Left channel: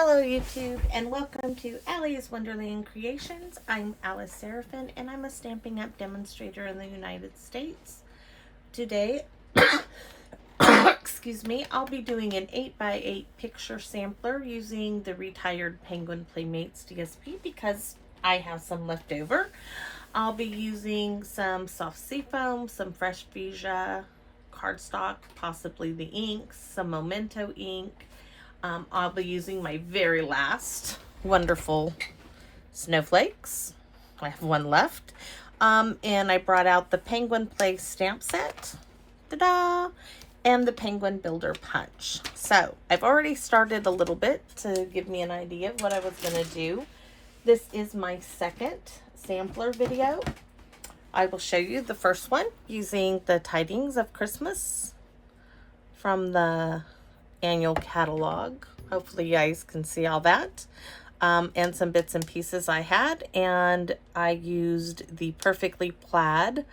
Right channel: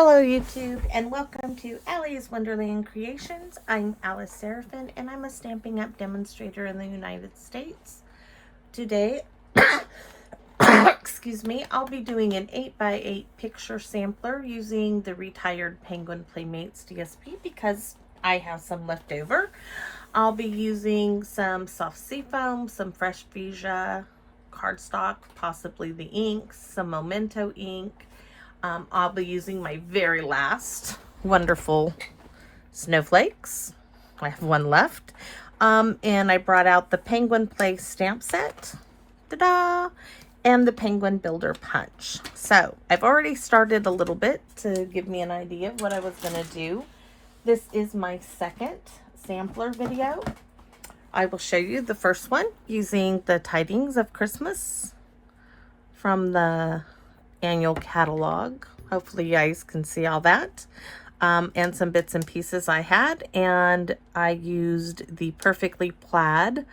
Hello YouTube and welcome to Allie's Wonderland Creations. I'm Alice Seraphin and I'm a Stampin' Up! Demonstrator in the United States. Today, excuse me, I'll be doing an 8x8 picture sampler using the retired Penguin Playmates DSP because I have some left over. I'll be using some soft seafoam, some fresh Vija cardstock, possibly the inks, some Memento ink. I'll be using my very last wonderful snowflakes. I have one left. And I brought out the Penguin Play stamp set. Ta-da! And the Penguin Builder Punch. So I've already started a little bit to give me an idea of what I was going to do. This is my second sampler video. I will show you the first one using the Tidings of Christmas from the annual catalog. Hopefully you guys can see all that, and some bits and pieces I had, and I used the Perfectly Plaid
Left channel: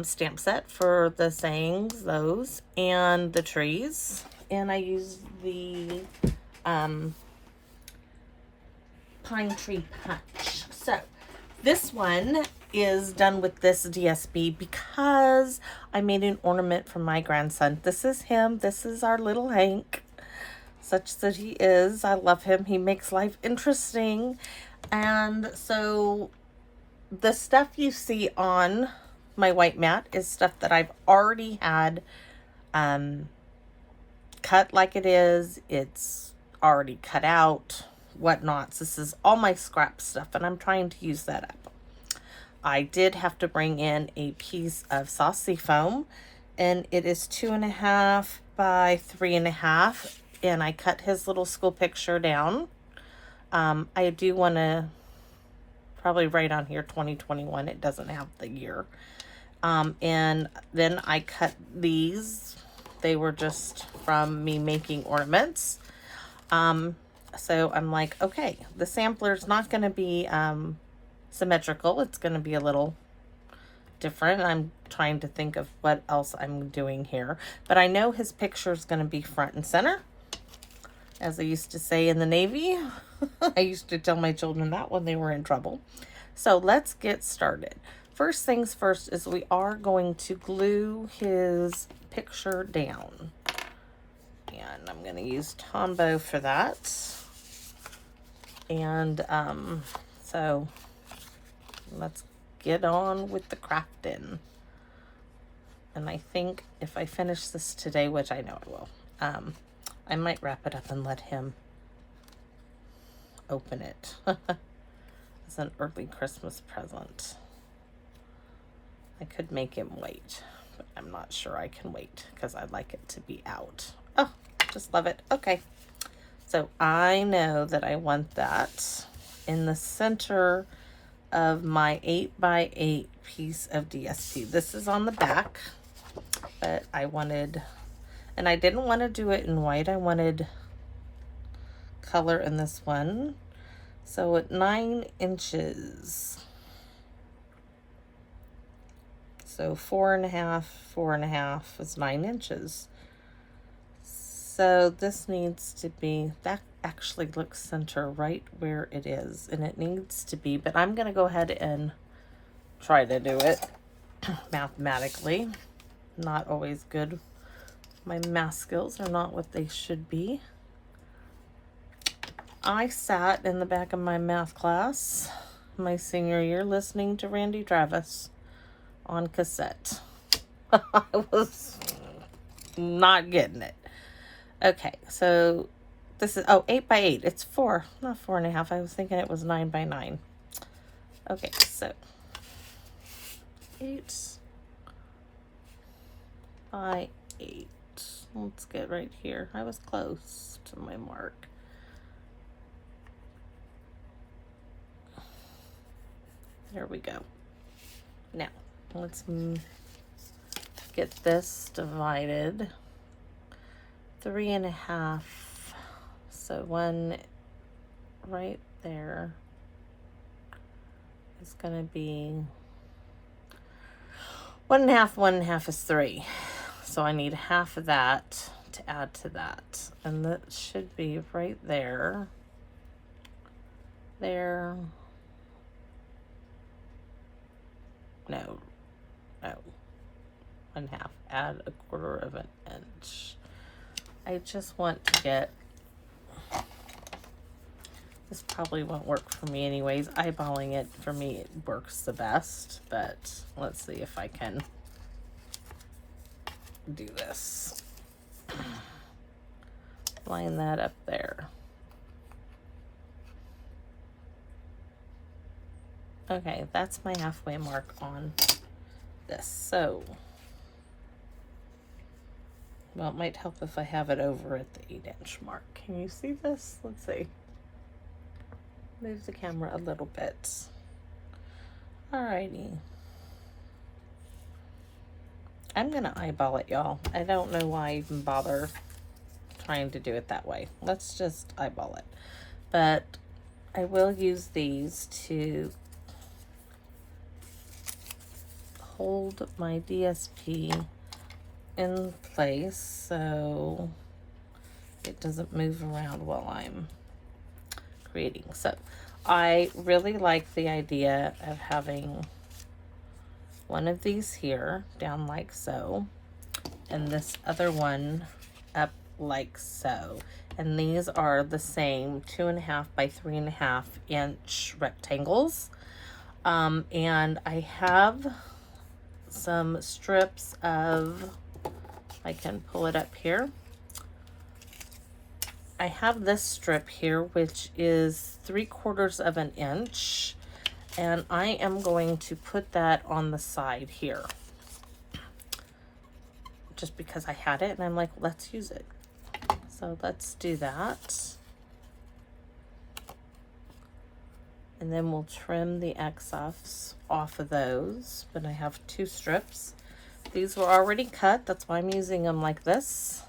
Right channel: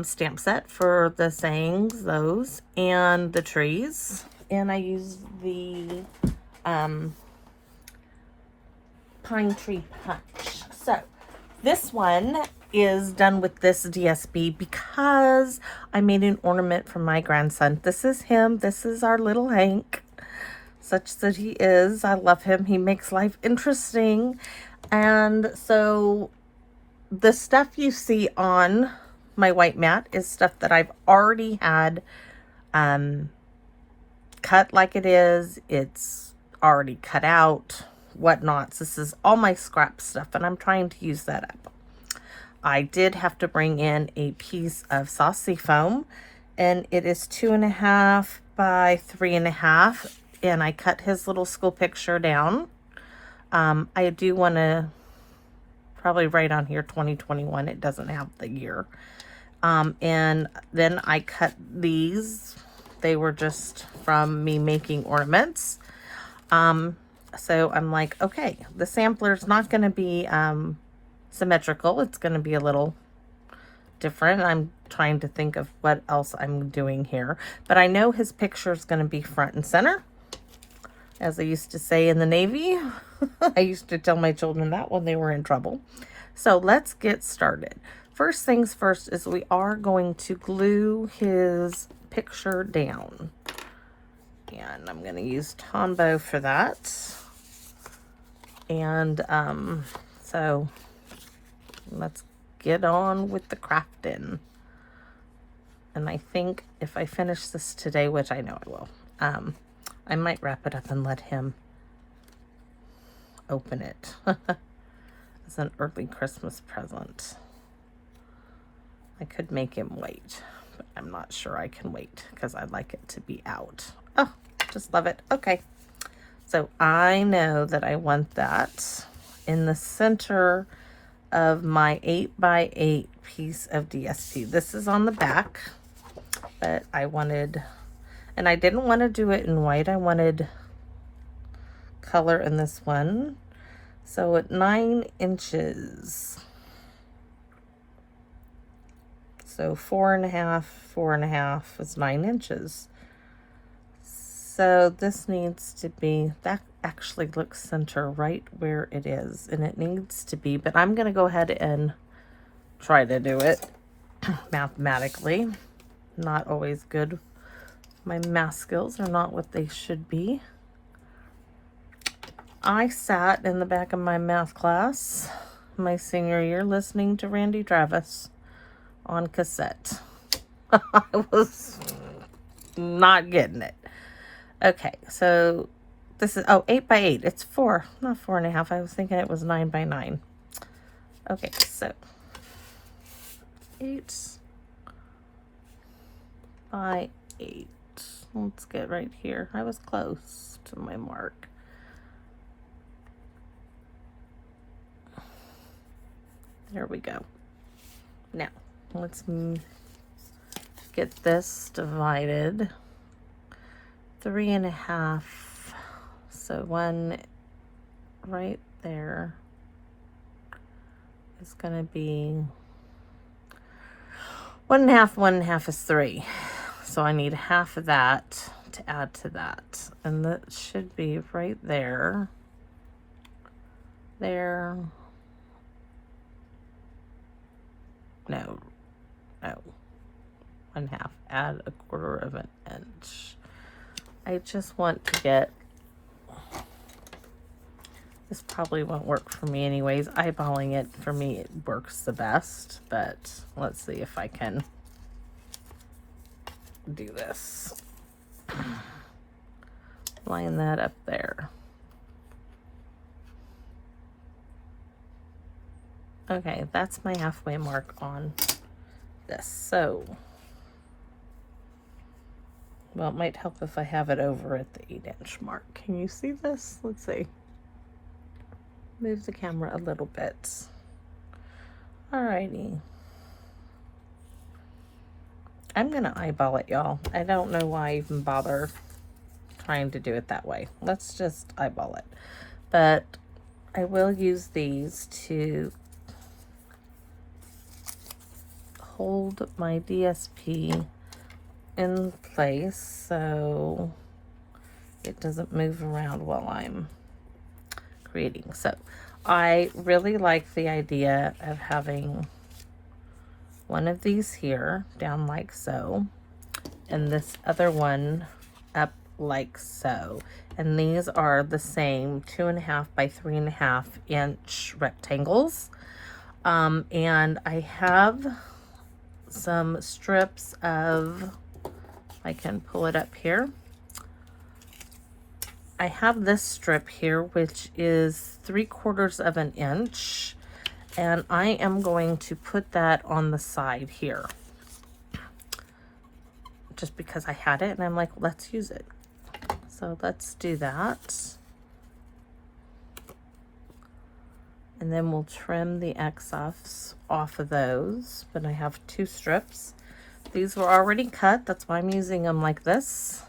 stamp set for the sayings, those, and the trees, and I used the Pine Tree Punch. So this one is done with this DSP because I made an ornament for my grandson. This is him. This is our little Hank, such that he is. I love him. He makes life interesting. And so the stuff you see on my white mat is stuff that I've already had cut like it is. It's already cut out, whatnots. This is all my scrap stuff, and I'm trying to use that up. I did have to bring in a piece of saucy foam, and it is 2.5 by 3.5, and I cut his little school picture down. I do want to probably write on here 2021. It doesn't have the year. And then I cut these. They were just from me making ornaments. So I'm like, okay, the sampler's not going to be symmetrical. It's going to be a little different. I'm trying to think of what else I'm doing here, but I know his picture is going to be front and center, as I used to say in the Navy. I used to tell my children that when they were in trouble. So let's get started. First things first is we are going to glue his picture down, and I'm going to use Tombow for that. And so let's get on with the crafting. And I think if I finish this today, which I know I will, I might wrap it up and let him open it as an early Christmas present. I could make him wait, but I'm not sure I can wait because I'd like it to be out. Oh, just love it. Okay. So I know that I want that in the center of my 8x8 piece of DSP. This is on the back, but I wanted, and I didn't want to do it in white. I wanted color in this one. So at 9 inches, so 4.5 is 9 inches. So this needs to be, that actually looks center right where it is, and it needs to be, but I'm going to go ahead and try to do it mathematically. Not always good. My math skills are not what they should be. I sat in the back of my math class my senior year listening to Randy Travis on cassette. I was not getting it. Okay, so this is, oh, 8x8. It's 4, not 4.5. I was thinking it was 9 by 9. Okay, so 8 by 8. Let's get right here. I was close to my mark. There we go. Now, let's get this divided. 3.5, so one right there is going to be 1.5. 1.5 is 3, so I need half of that to add to that. And that should be right there. There. No. 1/2. Add 1/4 of an inch. I just want to get, this probably won't work for me anyways. Eyeballing it, for me, it works the best, but let's see if I can do this. Line that up there. Okay, that's my halfway mark on this. So, well, it might help if I have it over at the 8-inch mark. Can you see this? Let's see. Move the camera a little bit. Alrighty. I'm gonna eyeball it, y'all. I don't know why I even bother trying to do it that way. Let's just eyeball it. But I will use these to hold my DSP in place so it doesn't move around while I'm creating. So I really like the idea of having one of these here down like so, and this other one up like so. And these are the same 2.5 by 3.5 inch rectangles. And I have some strips of, I can pull it up here. I have this strip here, which is 3/4 of an inch, and I am going to put that on the side here, just because I had it, and I'm like, let's use it. So let's do that. And then we'll trim the excess off of those, but I have 2 strips. These were already cut, that's why I'm using them like this.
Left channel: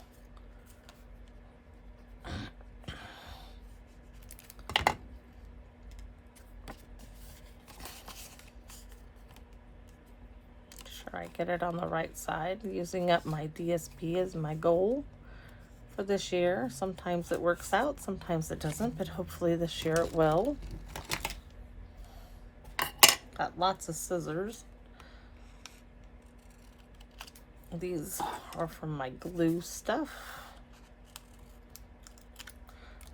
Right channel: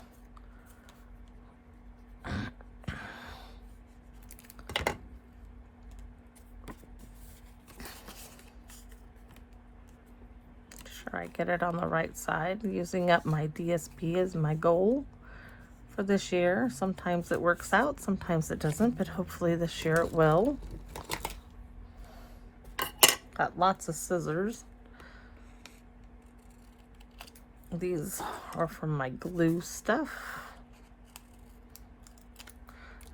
Sure I get it on the right side. Using up my DSP is my goal for this year. Sometimes it works out, sometimes it doesn't, but hopefully this year it will. Got lots of scissors. These are from my glue stuff.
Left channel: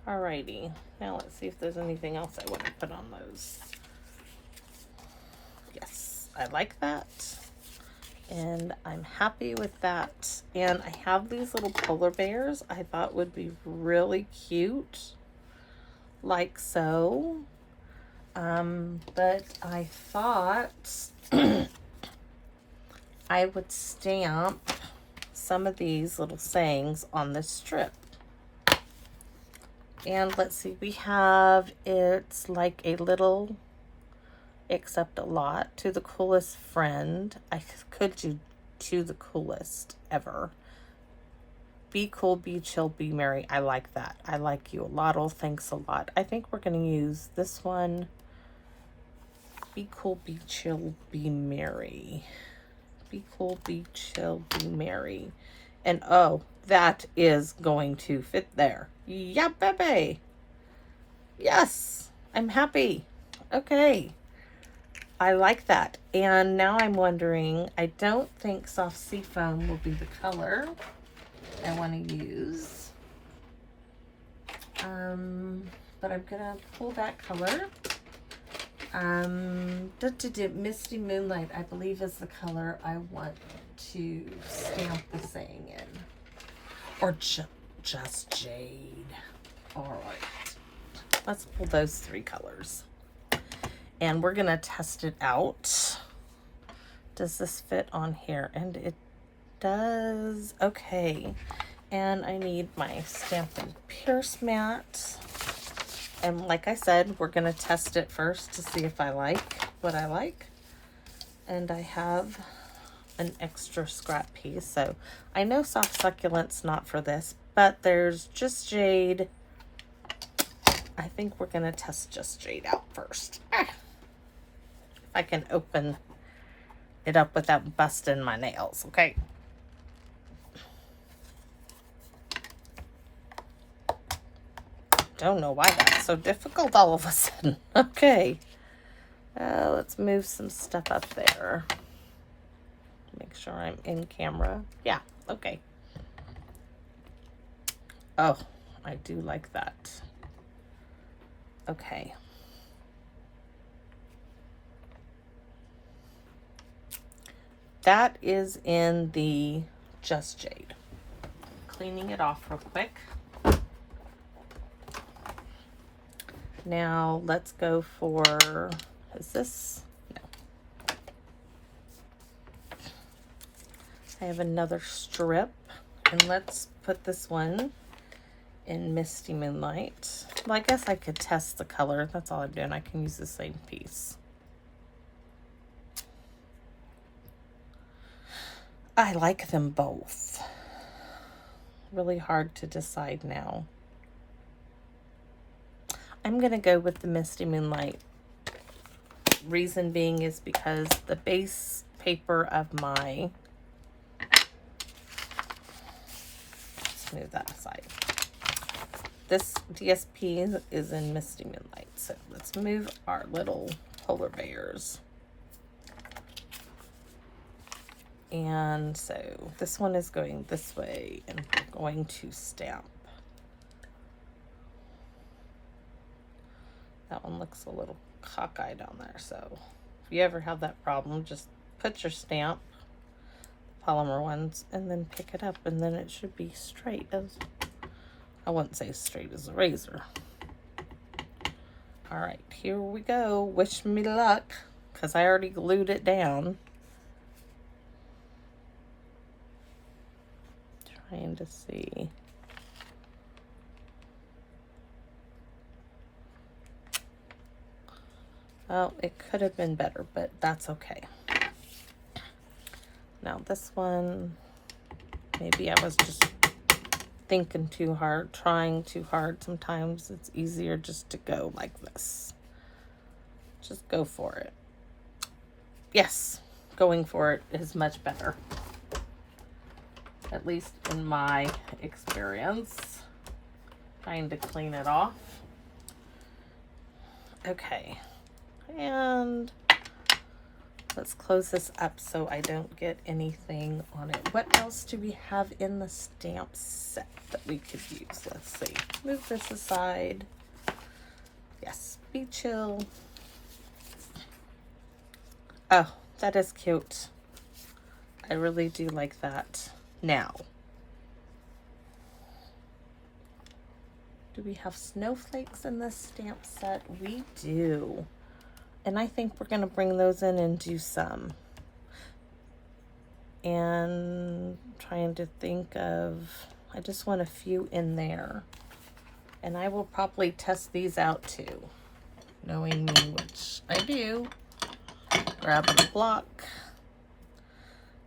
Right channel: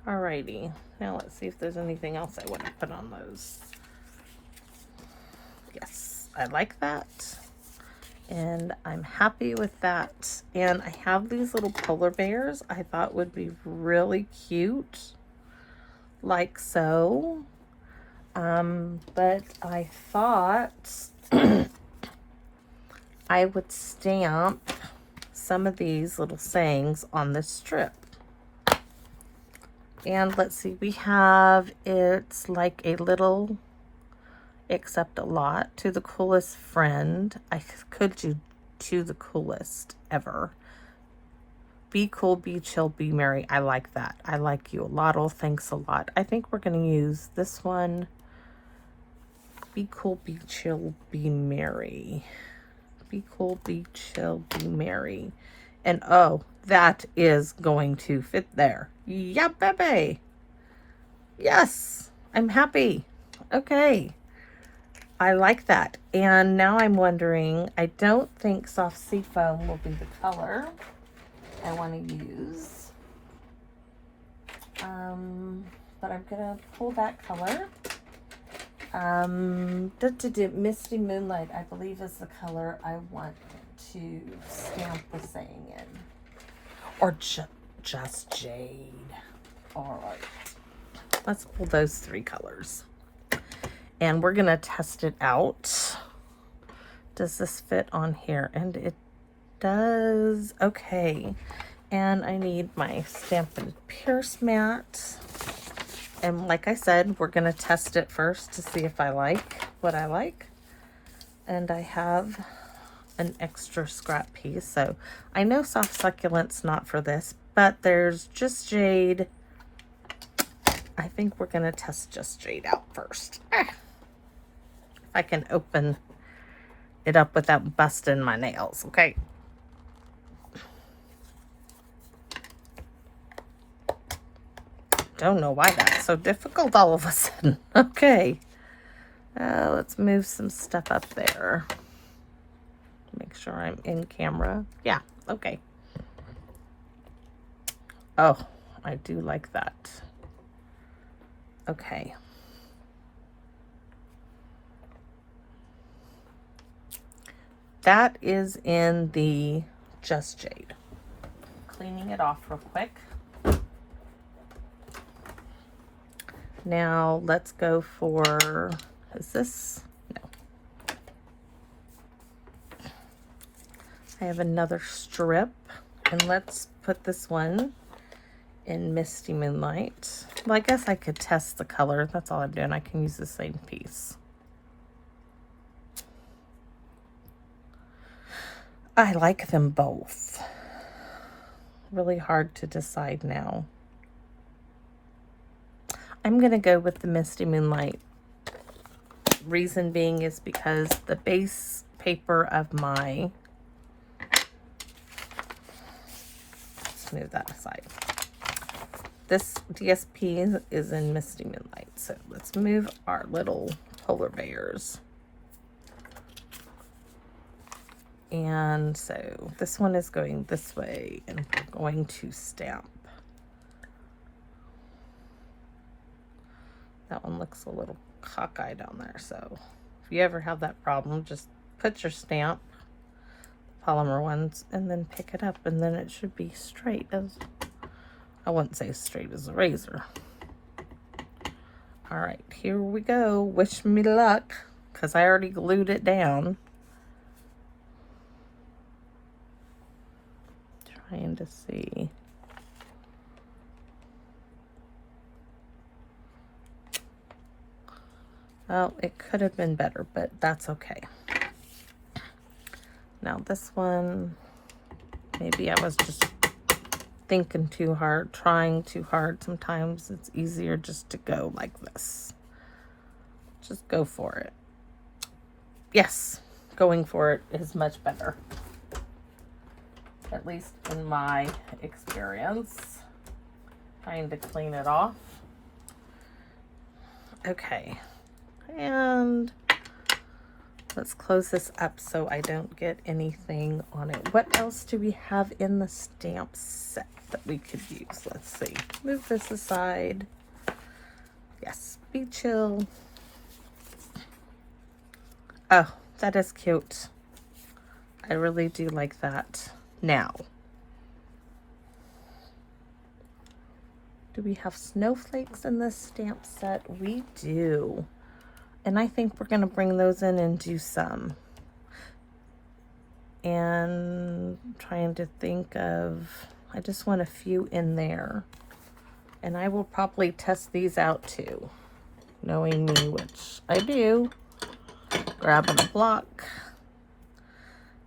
Alrighty, now let's see if there's anything else I want to put on those. Yes, I like that. And I'm happy with that. And I have these little polar bears I thought would be really cute, like so. But I thought I would stamp some of these little sayings on this strip. And let's see, we have, it's like a little, accept a lot, to the coolest friend. I could do to the coolest ever. Be cool, be chill, be merry. I like that. I like you a lot. Oh, thanks a lot. I think we're going to use this one. Be cool, be chill, be merry. Be cool, be chill, be merry. And oh, that is going to fit there. Yeah, baby. Yes, I'm happy. Okay. I like that. And now I'm wondering, I don't think soft seafoam will be the color I want to use. But I'm gonna pull that color. Misty Moonlight, I believe, is the color I want to stamp the saying in. Or just jade. All right. Let's pull those 3 colors. And we're gonna test it out. Does this fit on here? And it does. Okay. And I need my Stampin' Pierce mat. And like I said, we're gonna test it first to see if I like what I like. And I have an extra scrap piece. So I know Soft Succulent's not for this, but there's Just Jade. I think we're gonna test Just Jade out first. If I can open it up without busting my nails, okay? don't know why that's so difficult all of a sudden. Okay. Let's move some stuff up there. Make sure I'm in camera. Yeah, okay. Oh, I do like that. Okay. That is in the Just Jade. Cleaning it off real quick. Now let's go for, is this? No. I have another strip, and let's put this one in Misty Moonlight. Well, I guess I could test the color. That's all I'm doing. I can use the same piece. I like them both. Really hard to decide now. I'm gonna go with the Misty Moonlight. Reason being is because the base paper of my, let's move that aside. This DSP is in Misty Moonlight. So let's move our little polar bears. And so this one is going this way, and we're going to stamp. That one looks a little cockeyed on there, so if you ever have that problem, just put your stamp, polymer ones, and then pick it up, and then it should be straight as, I wouldn't say straight as a razor. All right, here we go. Wish me luck, because I already glued it down. Trying to see. Well, it could have been better, but that's okay. Now this one, maybe I was just thinking too hard, trying too hard. Sometimes it's easier just to go like this. Just go for it. Yes, going for it is much better. At least in my experience. Trying to clean it off. Okay. And let's close this up so I don't get anything on it. What else do we have in the stamp set that we could use? Let's see. Move this aside. Yes, Be Chill. Oh, that is cute. I really do like that. Now, do we have snowflakes in this stamp set? We do. And I think we're going to bring those in and do some. And I'm trying to think of, I just want a few in there. And I will probably test these out too. Knowing me, which I do. Grab a block.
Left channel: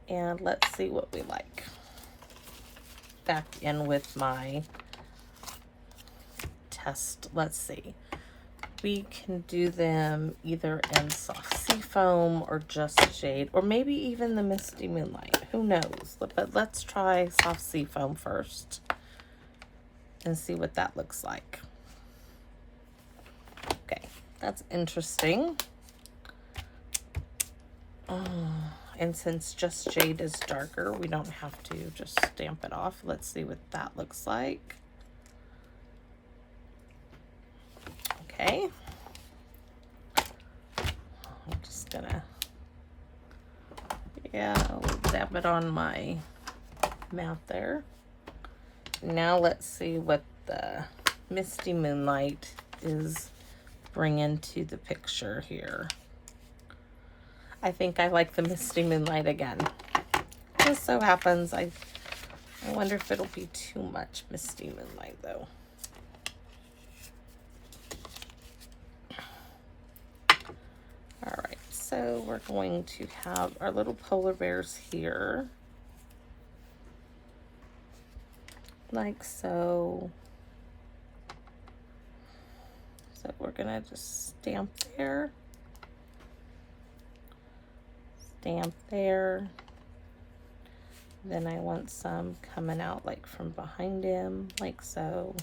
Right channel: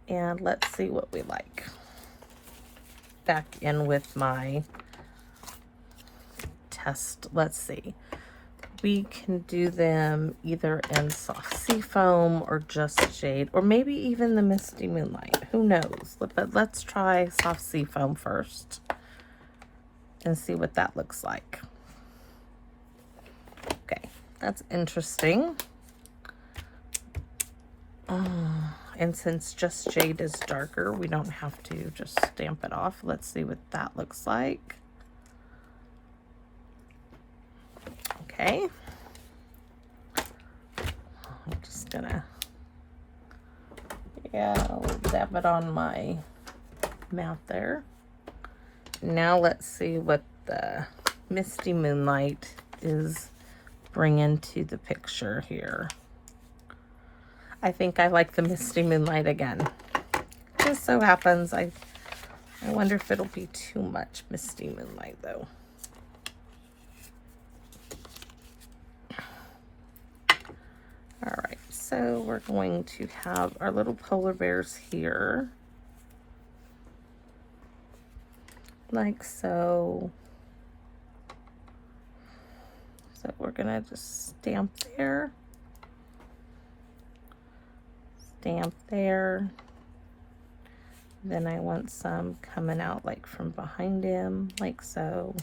And let's see what we like. Back in with my test. Let's see. We can do them either in soft seafoam or just jade, or maybe even the Misty Moonlight. Who knows? But let's try soft seafoam first and see what that looks like. Okay, that's interesting. And since just jade is darker, we don't have to just stamp it off. Let's see what that looks like. Okay. I'm just gonna, I'll dab it on my mouth there. Now let's see what the Misty Moonlight is bringing to the picture here. I think I like the Misty Moonlight again. Just so happens, I wonder if it'll be too much Misty Moonlight though. All right, so we're going to have our little polar bears here. Like so. So we're gonna just stamp there. Stamp there. Then I want some coming out like from behind him, like so.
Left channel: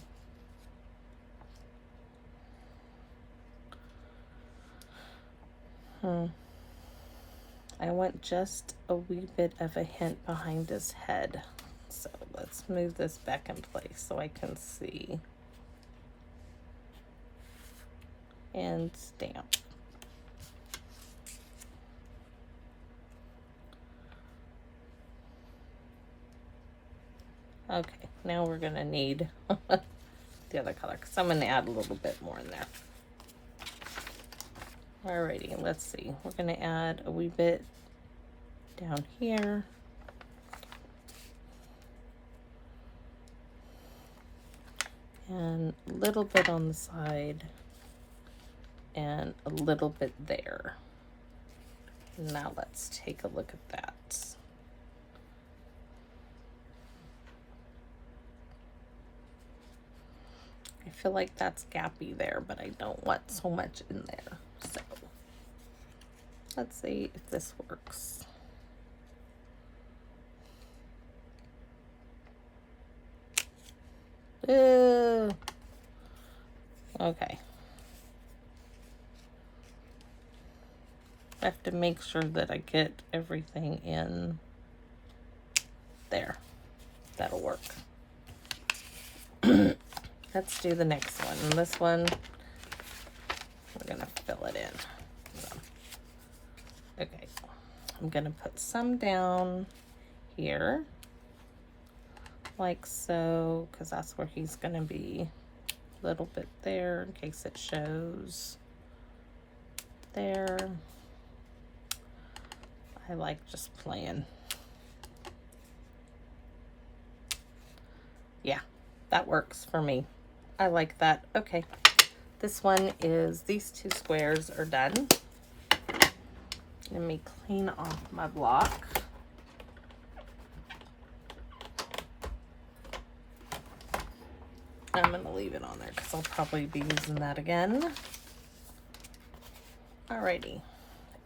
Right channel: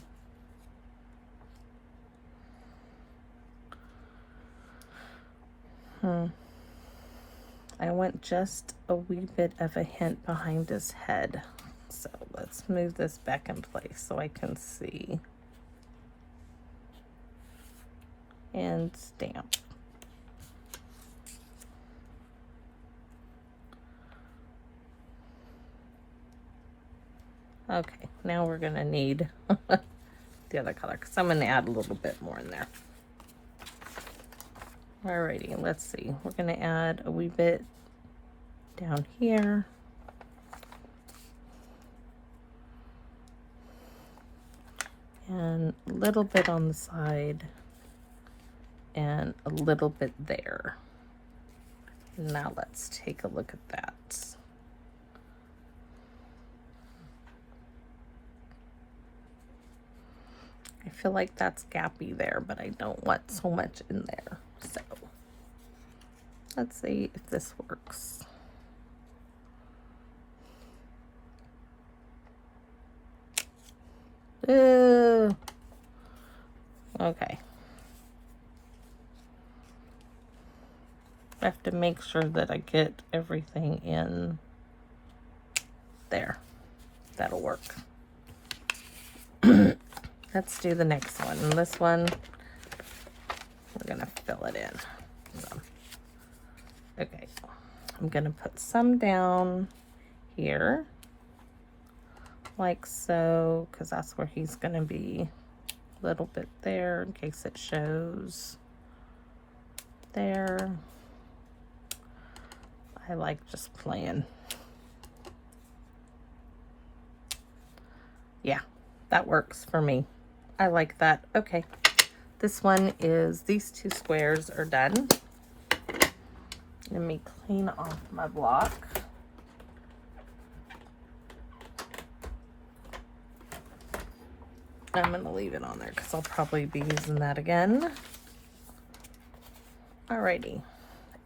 want just a wee bit of a hint behind his head. So let's move this back in place so I can see. And stamp. Okay, now we're gonna need the other color because I'm gonna add a little bit more in there. Alrighty, let's see. We're gonna add a wee bit down here. And a little bit on the side. And a little bit there. Now let's take a look at that. I feel like that's gappy there, but I don't want so much in there. So let's see if this works. Okay. I have to make sure that I get everything in there. That'll work. Let's do the next one. And this one, we're gonna fill it in. Okay, I'm gonna put some down here, like so, because that's where he's gonna be. A little bit there in case it shows. There. I like just playing. Yeah, that works for me. I like that. Okay, this one is, these two squares are done. Let me clean off my block. I'm gonna leave it on there because I'll probably be using that again. Alrighty,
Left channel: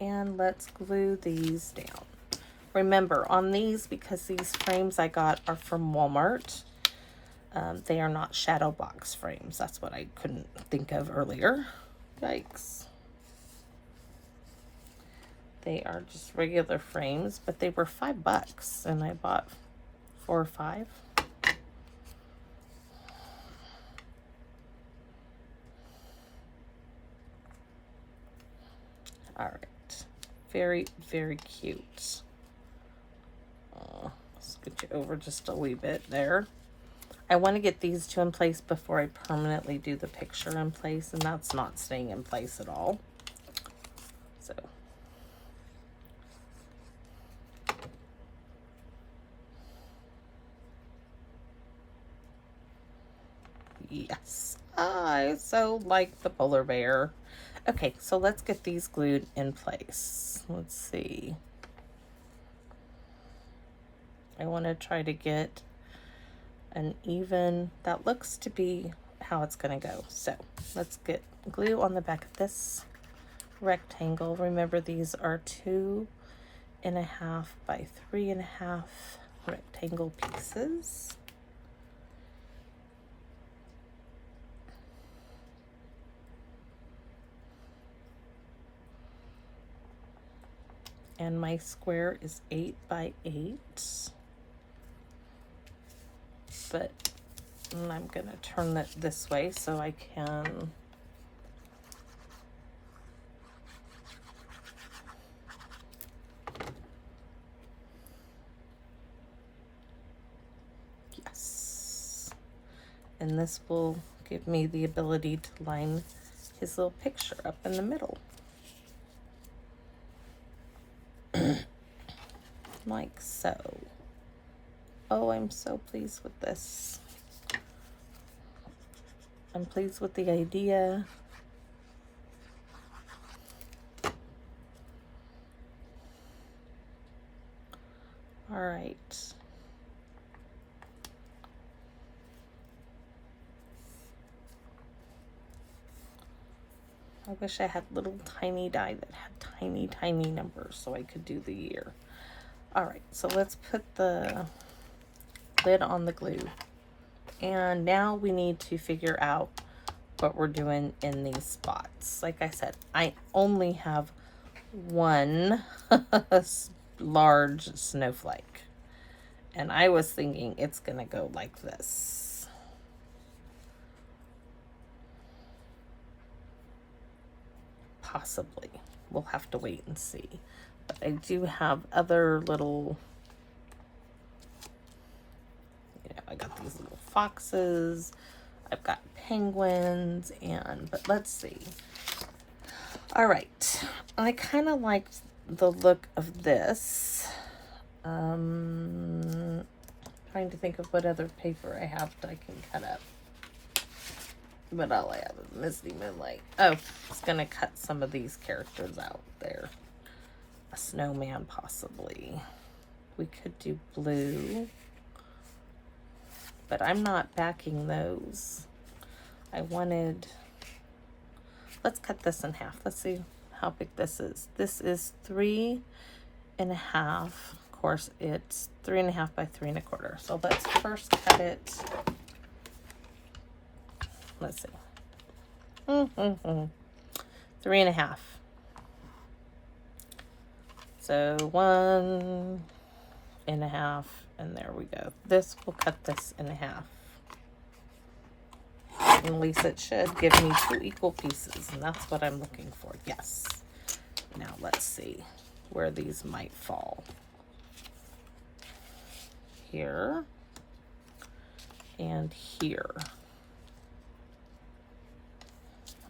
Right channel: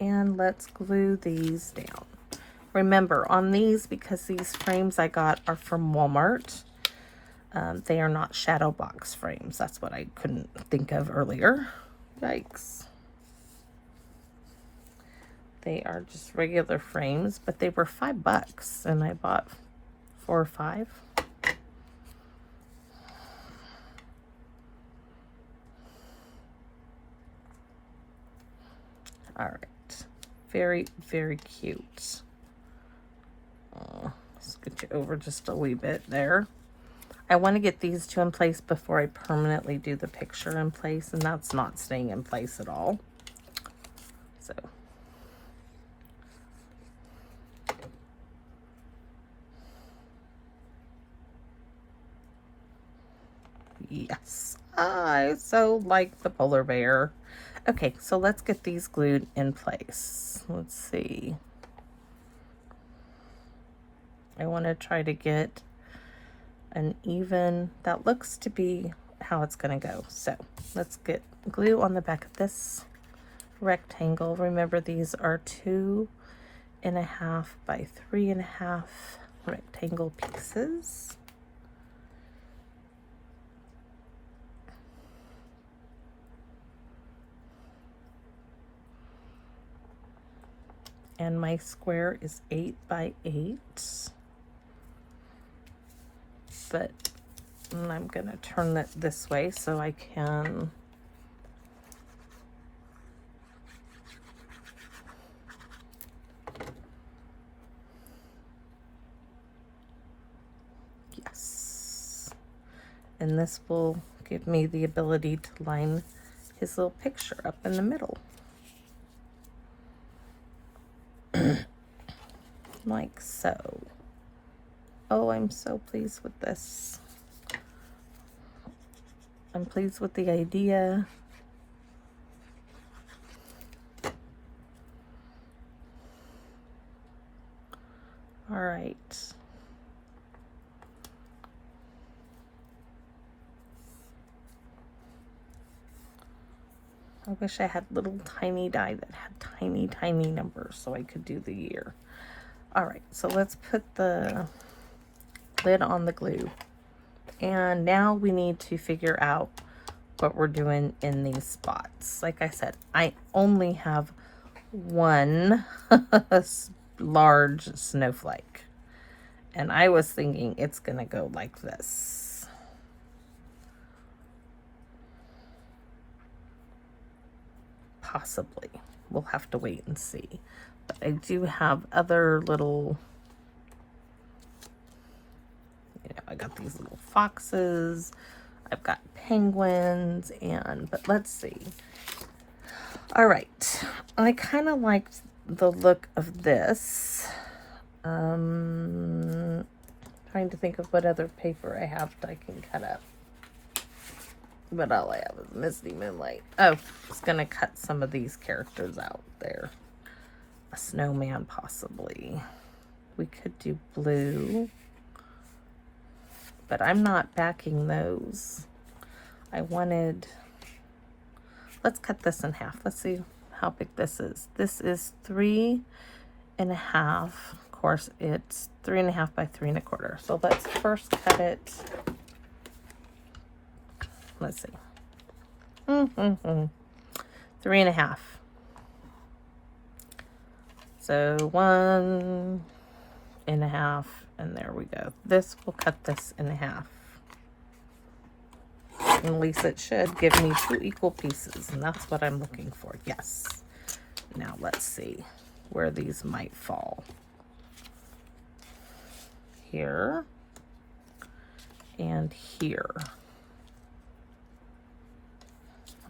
and let's glue these down. Remember, on these, because these frames I got are from Walmart, they are not shadow box frames. That's what I couldn't think of earlier. Yikes. They are just regular frames, but they were $5 and I bought 4 or 5. All right, very, very cute. Scoot you over just a wee bit there. I want to get these two in place before I permanently do the picture in place, and that's not staying in place at all. So. Yes, I so like the polar bear. Okay, so let's get these glued in place. Let's see. I want to try to get an even, that looks to be how it's going to go. So let's get glue on the back of this rectangle. Remember, these are 2.5 by 3.5 rectangle pieces. And my square is 8 by 8. But I'm gonna turn it this way so I can yes, and this will give me the ability to line his little picture up in the middle. Like so. Oh, I'm so pleased with this. I'm pleased with the idea. All right. I wish I had little tiny die that had tiny, tiny numbers so I could do the year. All right, so let's put the lid on the glue. And now we need to figure out what we're doing in these spots. Like I said, I only have one large snowflake. And I was thinking it's gonna go like this. Possibly. We'll have to wait and see. But I do have other little, you know, I got these little foxes, I've got penguins, but let's see. All right, I kind of liked the look of this. Trying to think of what other paper I have that I can cut up. But all I have is Misty Moonlight. Oh, it's gonna cut some of these characters out there. A snowman, possibly. We could do blue. But I'm not backing those. I wanted... Let's cut this in half. Let's see how big this is. This is 3.5. Of course, it's 3.5 by 3 1/4. So let's first cut it. Let's see. 3.5. So 1.5, and there we go. This will cut this in half. And at least it should give me 2 equal pieces, and that's what I'm looking for. Yes. Now let's see where these might fall. Here and here.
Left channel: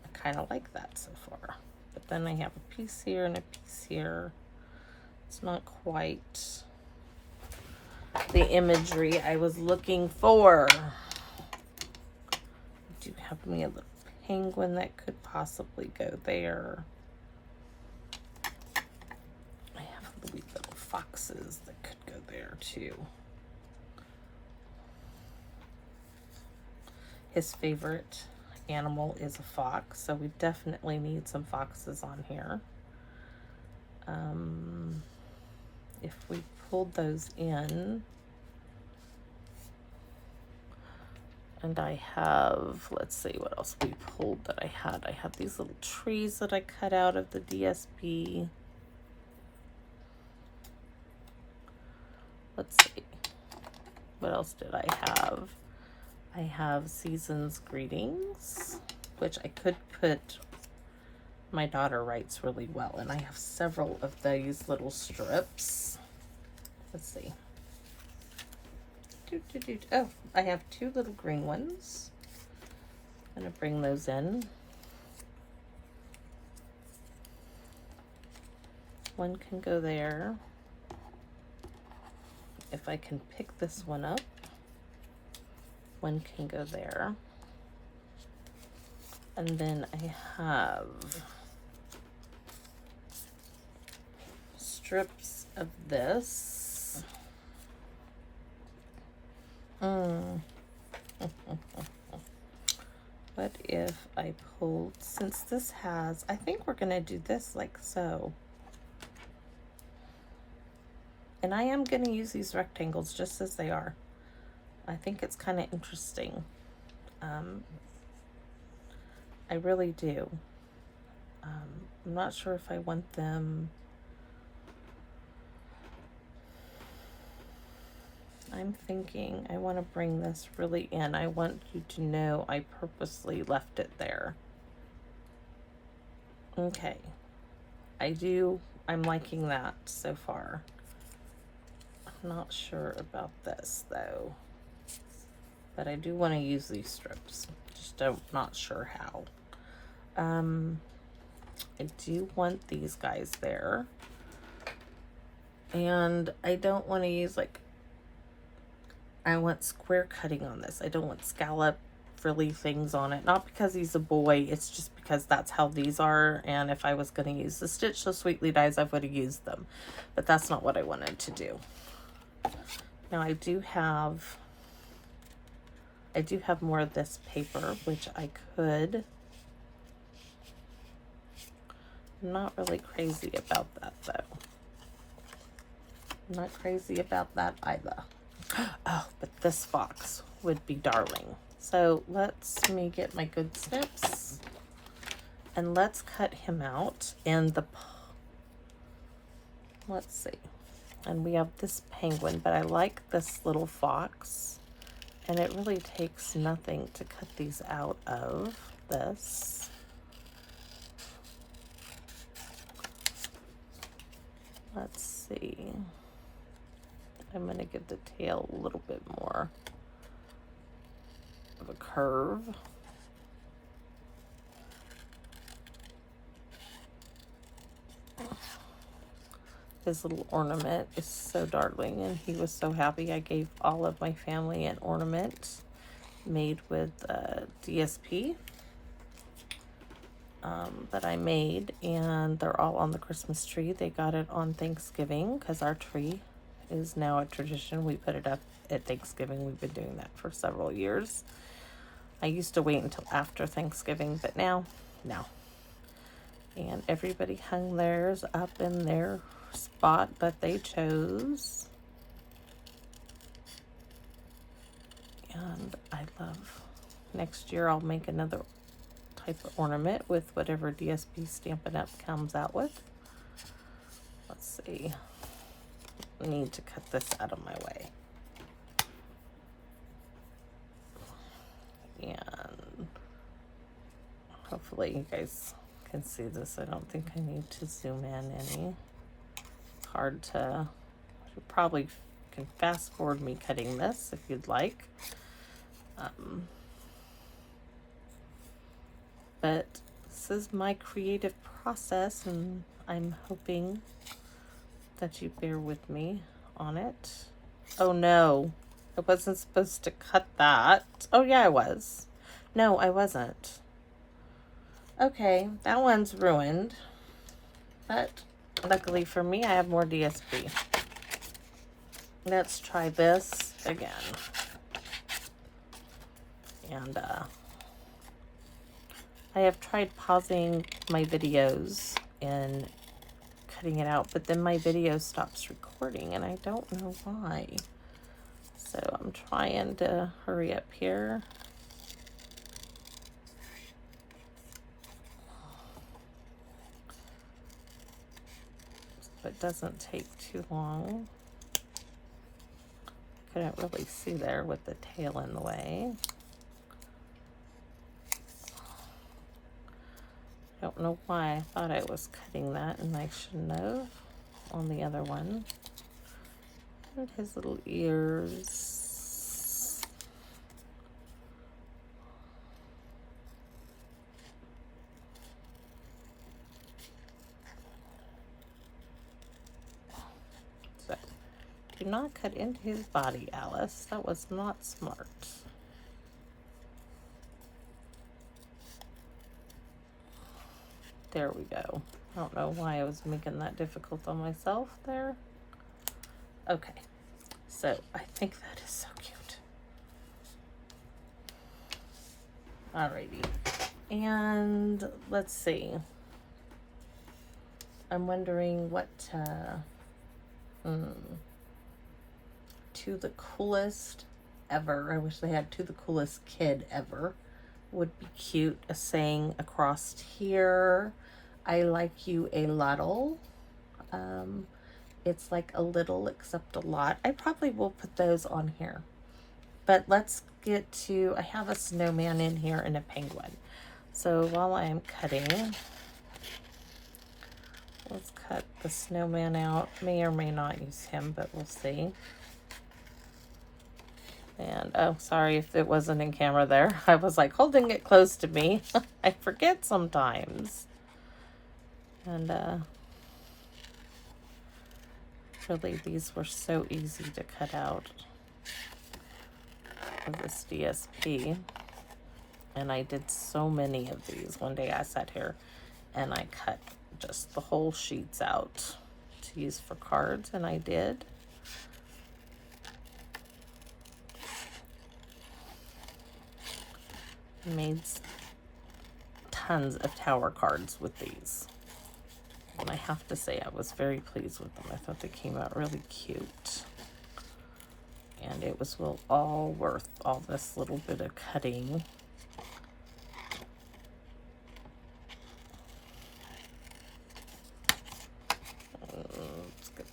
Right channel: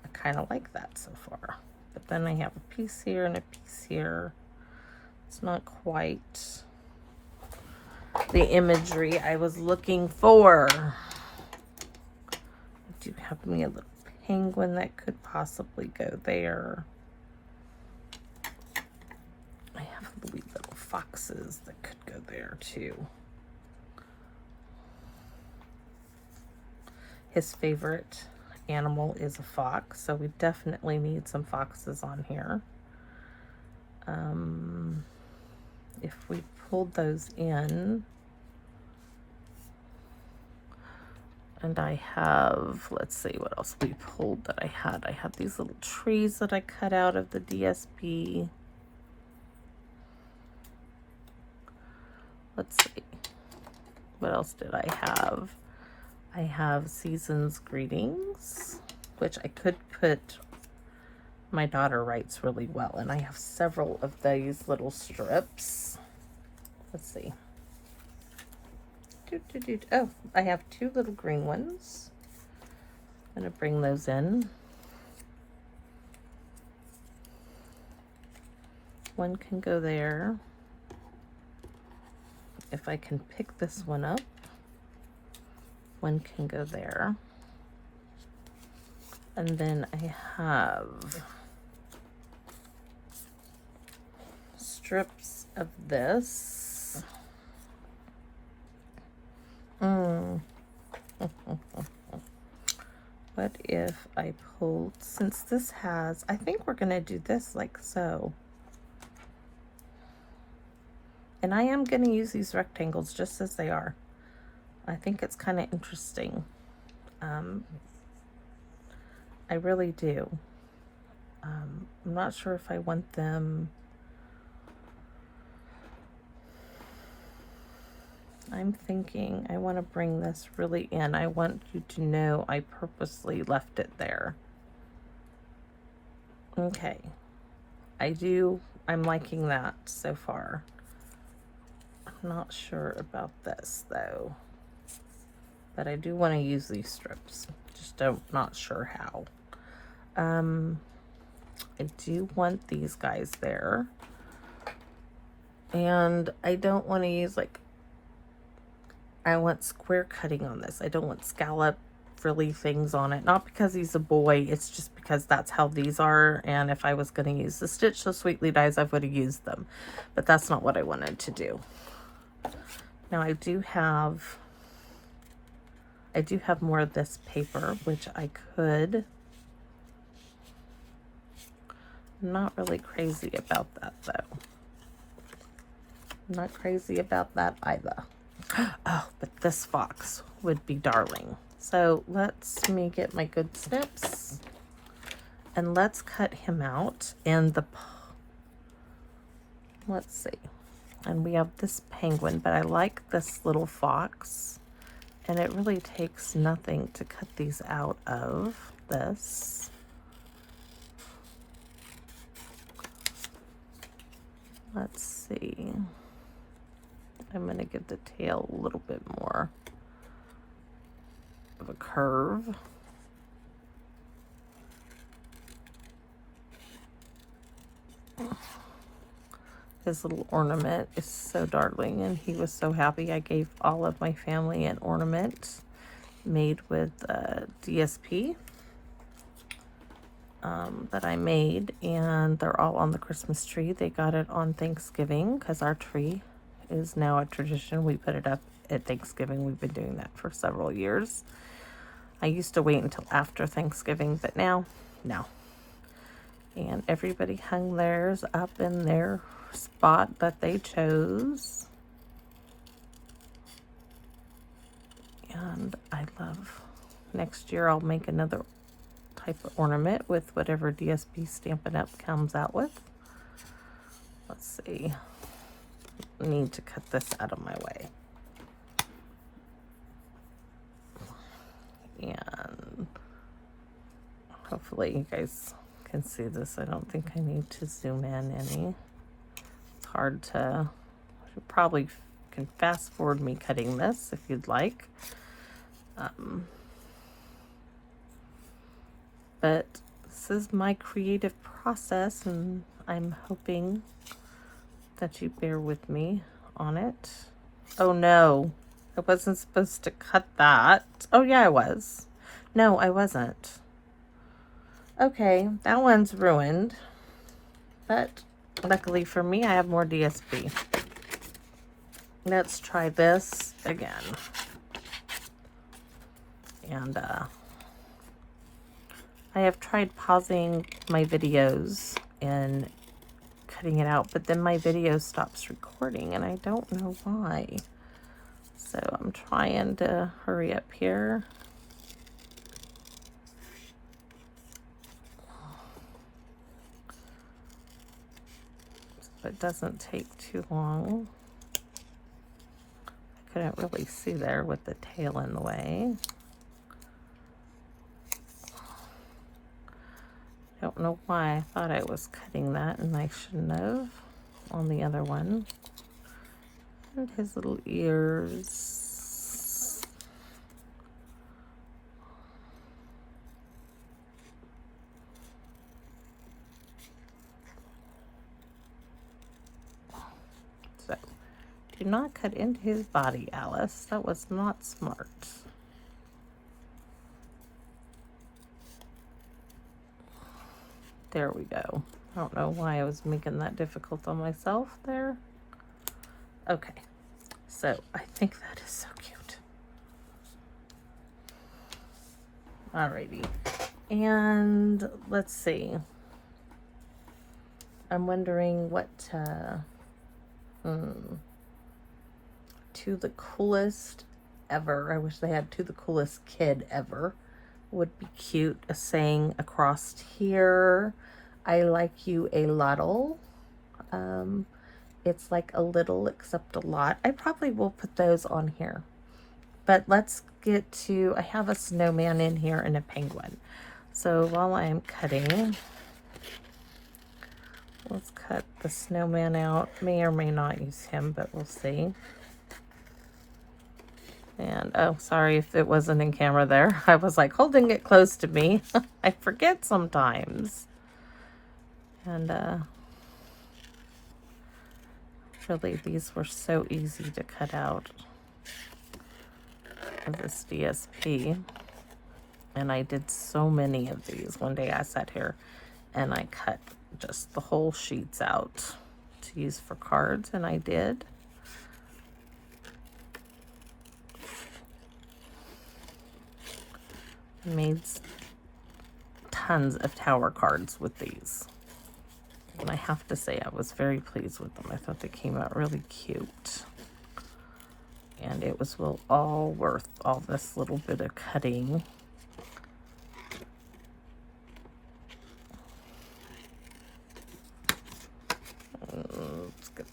I kind of like that so far. But then I have a piece here and a piece here. It's not quite the imagery I was looking for. I do have me a little penguin that could possibly go there. I have little foxes that could go there too. His favorite animal is a fox, so we definitely need some foxes on here. If we pulled those in, and I have, let's see what else we pulled that I had. I had these little trees that I cut out of the DSP. Let's see, what else did I have? I have Season's Greetings, which I could put, my daughter writes really well, and I have several of these little strips. Let's see. Oh, I have 2 little green ones. I'm gonna bring those in. One can go there. If I can pick this one up, one can go there. And then I have strips of this. What if I pulled, since this has, I think we're gonna do this like so. And I am gonna use these rectangles just as they are. I think it's kind of interesting. I really do. I'm not sure if I want them. I'm thinking I want to bring this really in. I want you to know I purposely left it there. Okay. I'm liking that so far. I'm not sure about this though. But I do want to use these strips. Just not sure how. I do want these guys there. And I don't want to use I want square cutting on this. I don't want scallop frilly things on it. Not because he's a boy, it's just because that's how these are. And if I was going to use the Stitch So Sweetly dies, I would have used them. But that's not what I wanted to do. Now I do have more of this paper, which I could. I'm not really crazy about that though. I'm not crazy about that either. Oh, but this fox would be darling. So let me get my good snips and let's cut him out. And let's see. And we have this penguin, but I like this little fox. And it really takes nothing to cut these out of this. Let's see. I'm going to give the tail a little bit more of a curve. His little ornament is so darling, and he was so happy. I gave all of my family an ornament made with DSP that I made, and they're all on the Christmas tree. They got it on Thanksgiving because our tree is now a tradition. We put it up at Thanksgiving. We've been doing that for several years. I used to wait until after Thanksgiving, but now, no. And everybody hung theirs up in their spot that they chose. And I love, next year I'll make another type of ornament with whatever DSP Stampin' Up comes out with. Let's see. I need to cut this out of my way. And hopefully you guys can see this. I don't think I need to zoom in any. It's hard to, you probably can fast forward me cutting this if you'd like. But this is my creative process, and I'm hoping that you bear with me on it. Oh no, I wasn't supposed to cut that. Oh yeah, I was. No, I wasn't. Okay, that one's ruined. But luckily for me, I have more DSP. Let's try this again. And I have tried pausing my videos and cutting it out, but then my video stops recording and I don't know why. So I'm trying to hurry up here. So it doesn't take too long. I couldn't really see there with the tail in the way. I don't know why I thought I was cutting that and I shouldn't have on the other one. And his little ears. So, do not cut into his body, Alice. That was not smart. There we go. I don't know why I was making that difficult on myself there. Okay, so I think that is so cute. Alrighty, and let's see. I'm wondering what to the coolest ever. I wish they had to the coolest kid ever. Would be cute, a saying across here. I like you a lottle. It's like a little except a lot. I probably will put those on here. But let's get to, I have a snowman in here and a penguin. So while I'm cutting, let's cut the snowman out. May or may not use him, but we'll see. And oh, sorry if it wasn't in camera there. I was like holding it close to me. I forget sometimes. And really, these were so easy to cut out with this DSP. And I did so many of these. One day I sat here and I cut just the whole sheets out to use for cards, and I did. Made tons of tower cards with these. And I have to say I was very pleased with them. I thought they came out really cute. And it was all worth all this little bit of cutting. Let's get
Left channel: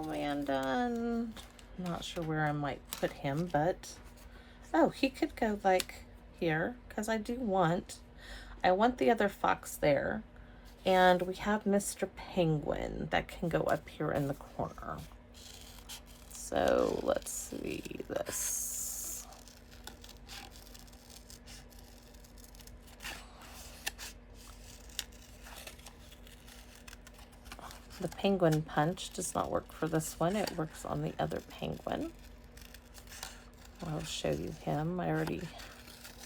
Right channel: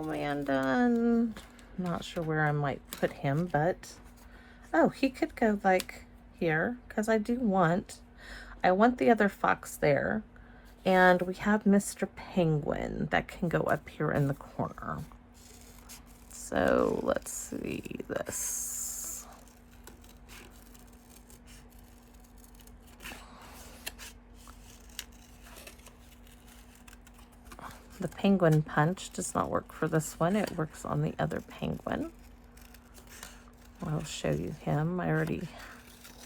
snowman done. Not sure where I might put him, but oh, he could go like here, because I want the other fox there, and we have Mr. Penguin that can go up here in the corner. So let's see this. The penguin punch does not work for this one. It works on the other penguin. I'll show you him. I already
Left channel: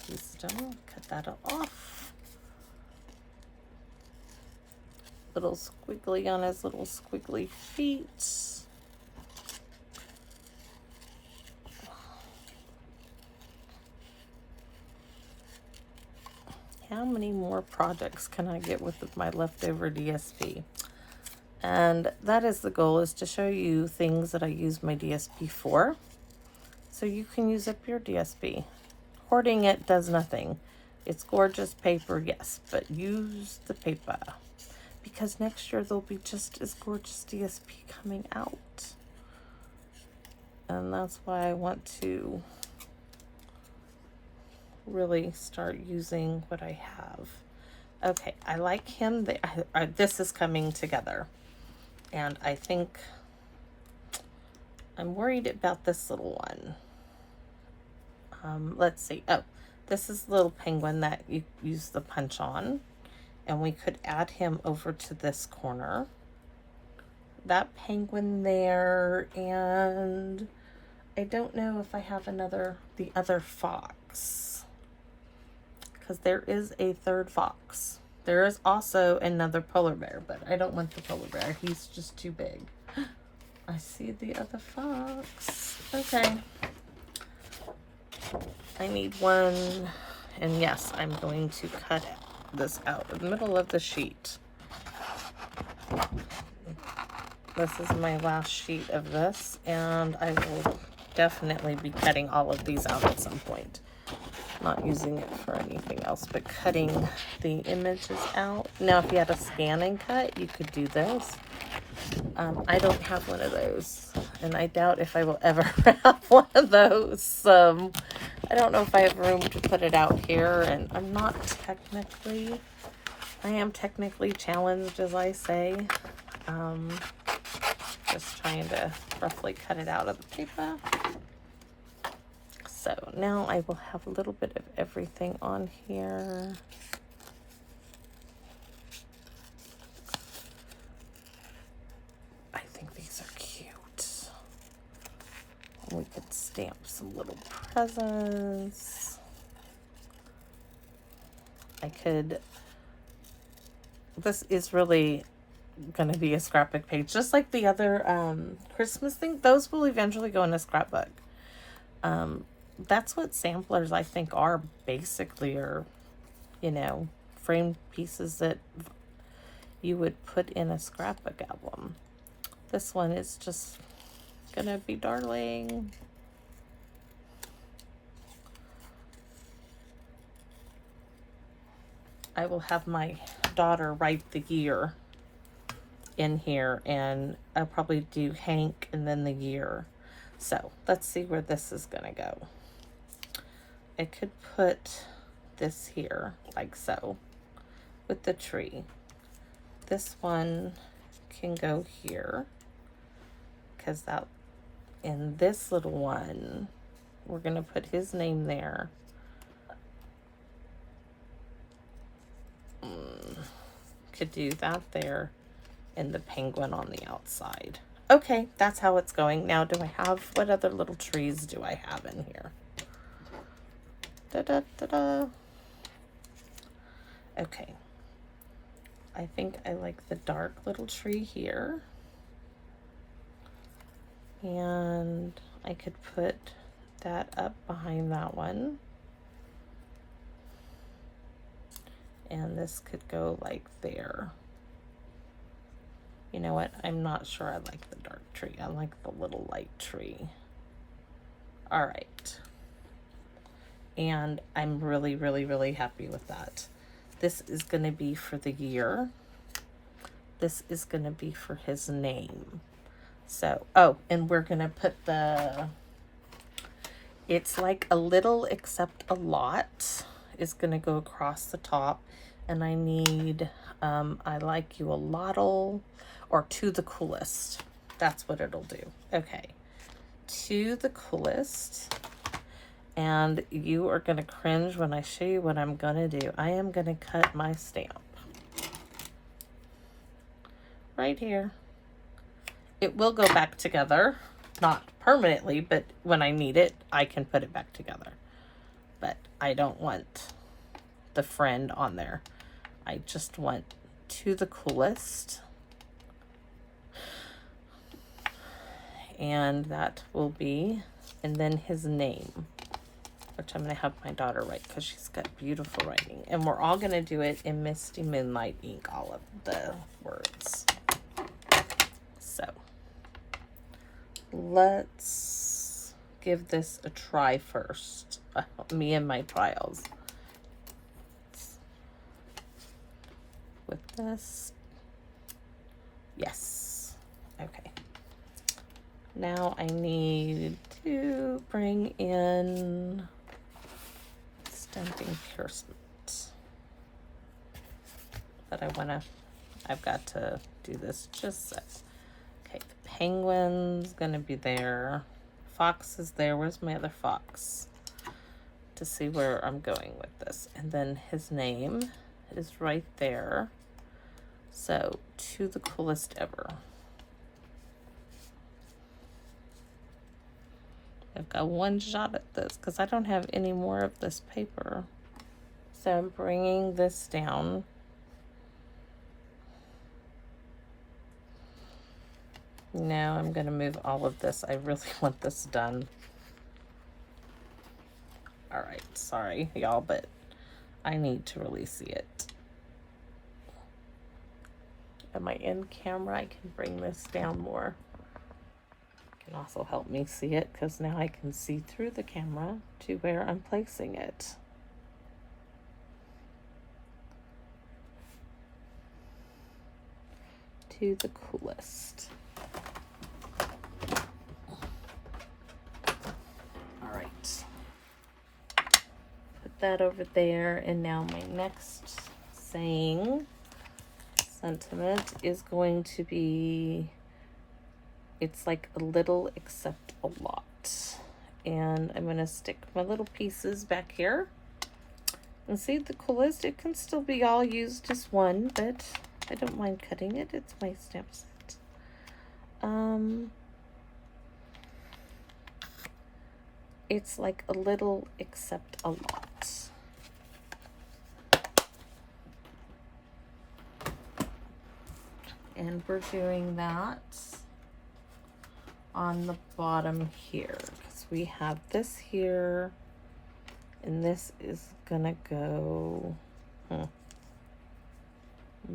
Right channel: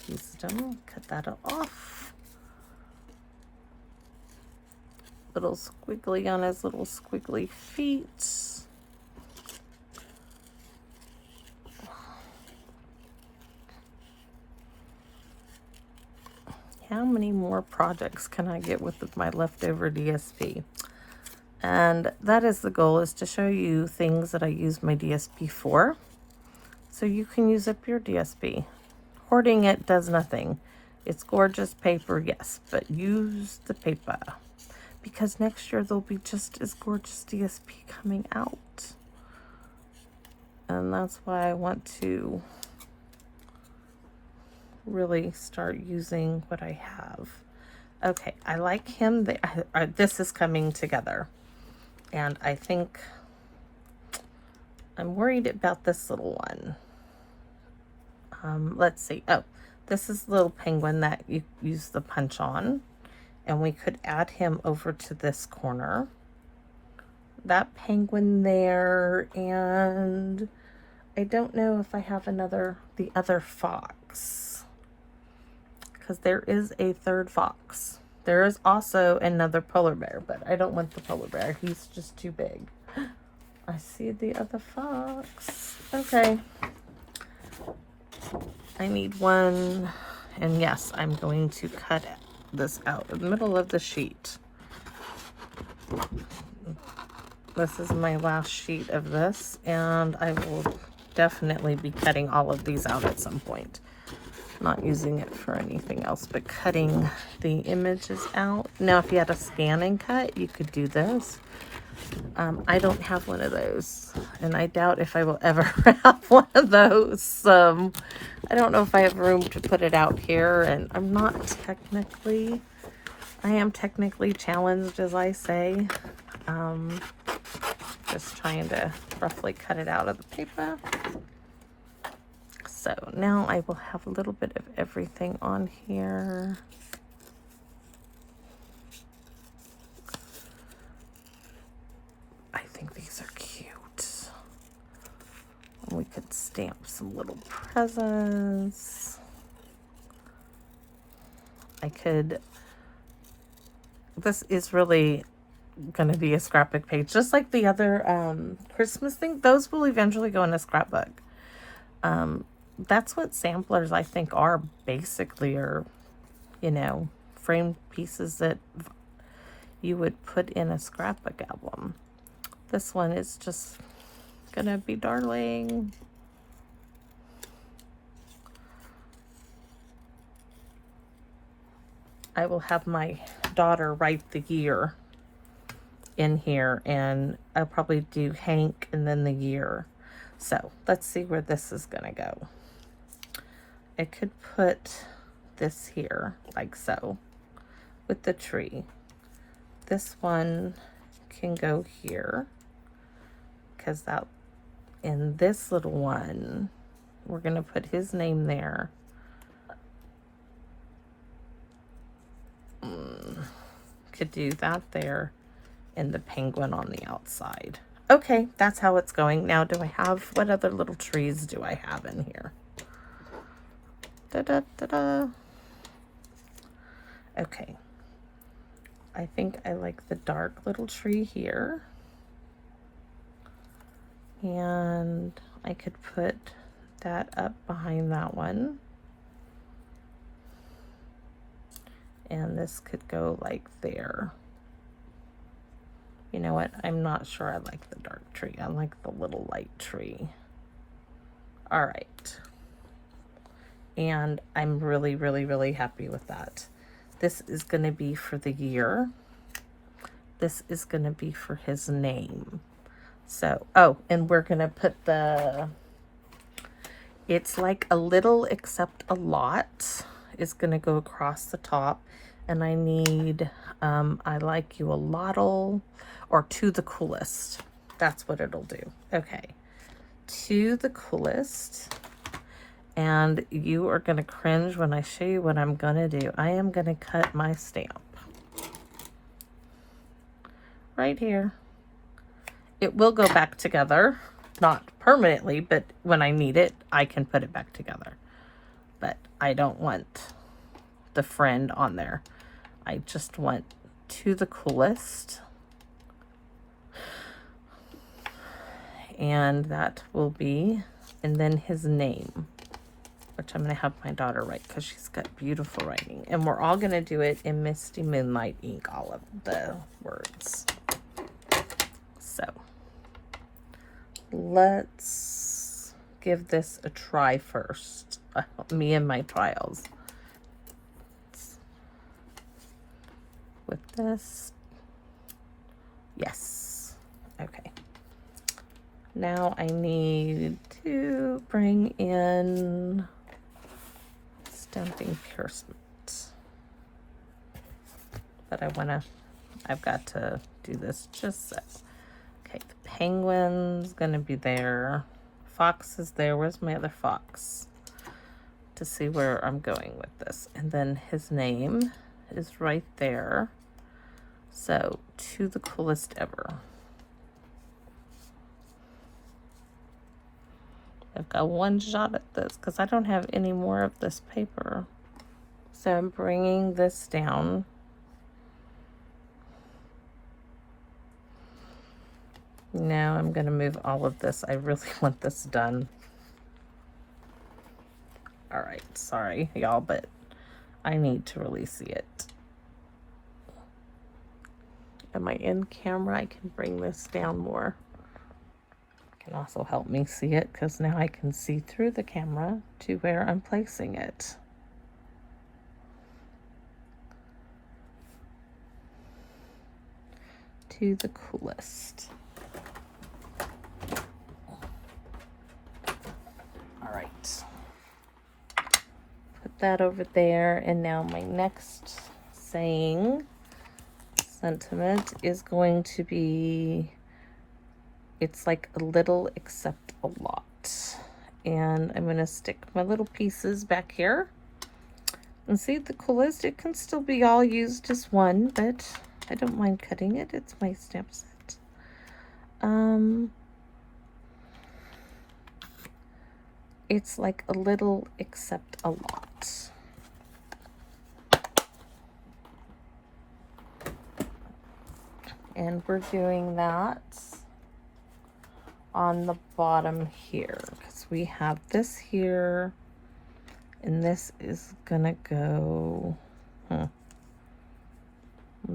used him. Cut that off. Little squiggly on his little squiggly feet. How many more projects can I get with my leftover DSP? And that is the goal, is to show you things that I use my DSP for, so you can use up your DSP. Hoarding it does nothing. It's gorgeous paper, yes, but use the paper, because next year there'll be just as gorgeous DSP coming out. And that's why I want to really start using what I have. Okay, I like him. This is coming together. And I think I'm worried about this little one. Let's see. Oh, this is the little penguin that you use the punch on. And we could add him over to this corner. That penguin there. And I don't know if I have the other fox. Because there is a third fox. There is also another polar bear, but I don't want the polar bear. He's just too big. I see the other fox. Okay. I need one. And yes, I'm going to cut this out in the middle of the sheet. This is my last sheet of this, and I will definitely be cutting all of these out at some point. Not using it for anything else, but cutting the images out. Now, if you had a scan and cut, you could do this. I don't have one of those, and I doubt if I will ever have one of those. I don't know if I have room to put it out here, and I am technically challenged, as I say. Just trying to roughly cut it out of the paper. So now I will have a little bit of everything on here. I think these are cute. We could stamp some little presents. This is really going to be a scrapbook page, just like the other Christmas thing. Those will eventually go in a scrapbook. That's what samplers, I think, are basically, or, you know, framed pieces that you would put in a scrapbook album. This one is just gonna be darling. I will have my daughter write the year in here, and I'll probably do Hank and then the year. So let's see where this is gonna go. I could put this here like so with the tree. This one can go here, because that, in this little one, we're gonna put his name there. Could do that there, and the penguin on the outside. Okay, that's how it's going. Now, what other little trees do I have in here? Da-da-da-da. Okay. I think I like the dark little tree here. And I could put that up behind that one. And this could go like there. You know what? I'm not sure I like the dark tree. I like the little light tree. All right. And I'm really, really, really happy with that. This is going to be for the year. This is going to be for his name. So, oh, and we're gonna put the, it's like a little except a lot is gonna go across the top. And I need, I like you a lot'll, or to the coolest. That's what it'll do. Okay, to the coolest. And you are gonna cringe when I show you what I'm gonna do. I am gonna cut my stamp right here. It will go back together, not permanently, but when I need it, I can put it back together. But I don't want the friend on there. I just want to the coolest. And that will be, and then his name, which I'm gonna have my daughter write because she's got beautiful writing. And we're all gonna do it in Misty Moonlight ink, all of the words. So let's give this a try first. Me and my trials. With this. Yes. Okay. Now I need to bring in stamping piercement. But I've got to do this just so. Okay, the penguin's gonna be there. Fox is there. Where's my other fox? To see where I'm going with this. And then his name is right there. So, to the coolest ever. I've got one shot at this because I don't have any more of this paper. So I'm bringing this down. Now I'm going to move all of this. I really want this done. All right, sorry y'all, but I need to really see it. Am I in camera? I can bring this down more. It can also help me see it because now I can see through the camera to where I'm placing it. To the coolest. All right. Put that over there, and now my next saying sentiment is going to be, it's like a little except a lot. And I'm going to stick my little pieces back here. And see, the coolest, it can still be all used as one, but I don't mind cutting it. It's my stamp set. It's like a little except a lot. And we're doing that on the bottom here because we have this here, and this is gonna go, I'm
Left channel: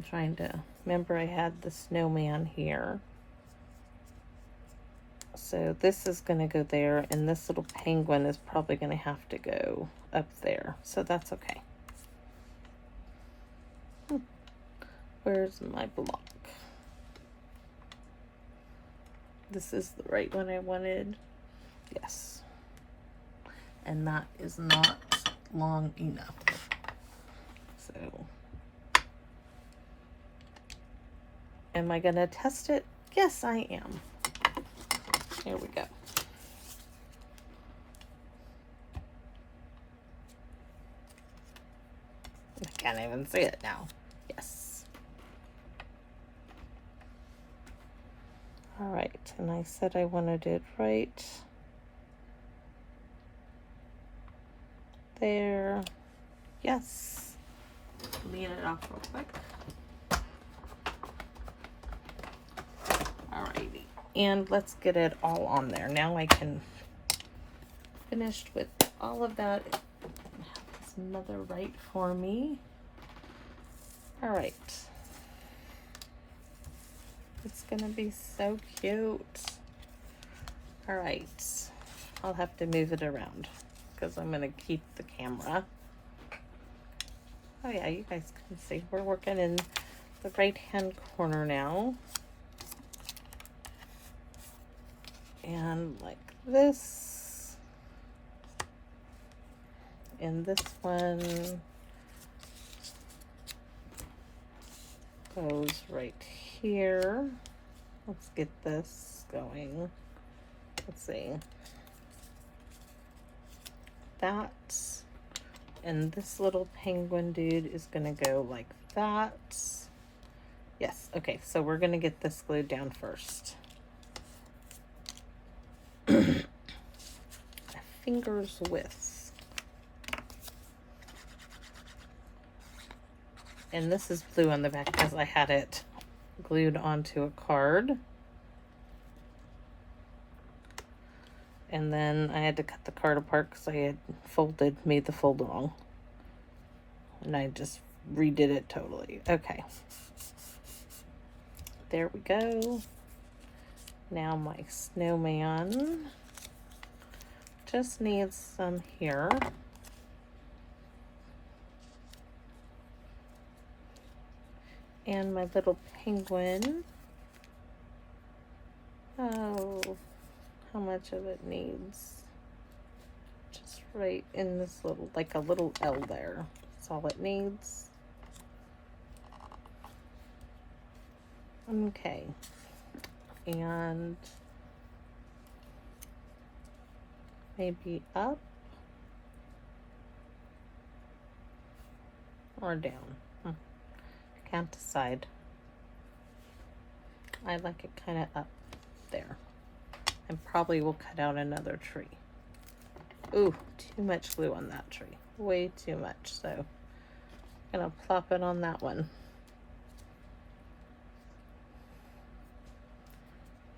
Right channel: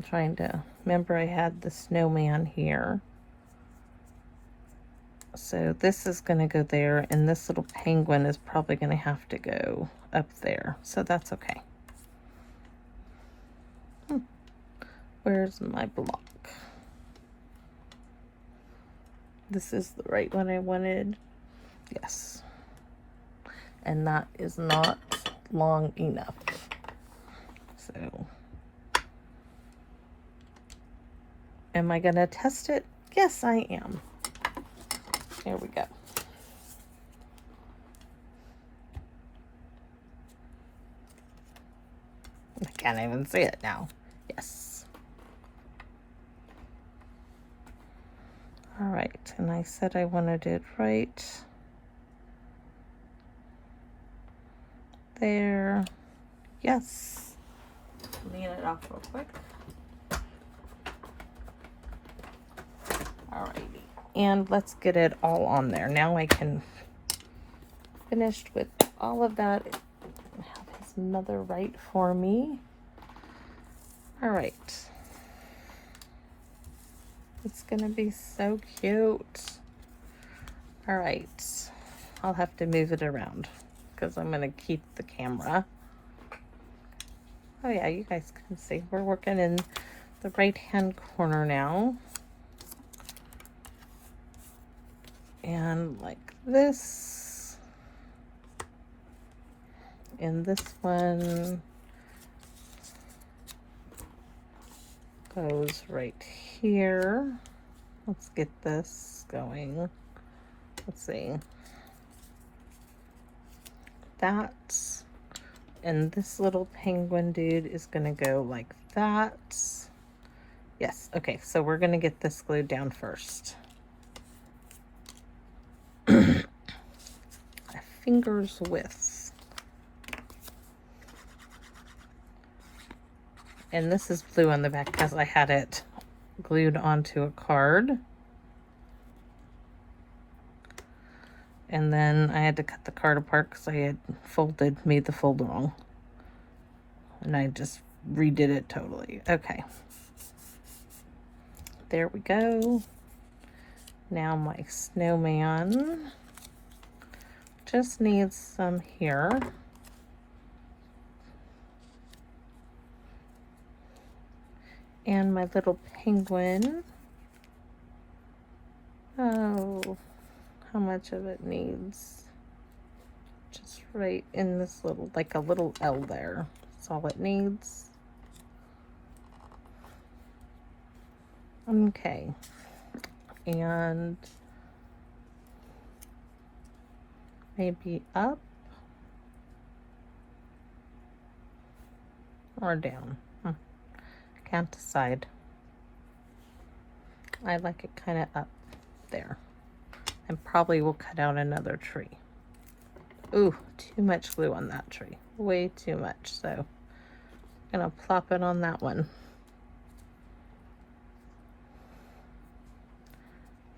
trying to remember I had the snowman here. So this is gonna go there, and this little penguin is probably gonna have to go up there. So that's okay. Where's my block? This is the right one I wanted. Yes. And that is not long enough. So, am I gonna test it? Yes, I am. Here we go. I can't even see it now. Yes. All right, and I said I wanted it right there. Yes. Lean it off real quick. Alrighty, and let's get it all on there. Now I can finish with all of that. Have his mother write for me. All right. It's gonna be so cute. All right, I'll have to move it around because I'm gonna keep the camera. Oh yeah, you guys can see we're working in the right hand corner now. And like this. And this one goes right here. Let's get this going. Let's see. That. And this little penguin dude is gonna go like that. Yes, okay, so we're gonna get this glued down first. A finger's width. And this is blue on the back because I had it glued onto a card. And then I had to cut the card apart because I had made the fold wrong. And I just redid it totally. Okay. There we go. Now my snowman just needs some here. And my little penguin. Oh, how much of it needs? Just right in this little, like a little L there. That's all it needs. Okay. And maybe up or down. Can't decide. I like it kind of up there. And probably will cut out another tree. Ooh, too much glue on that tree. Way too much. So I'm gonna plop it on that one.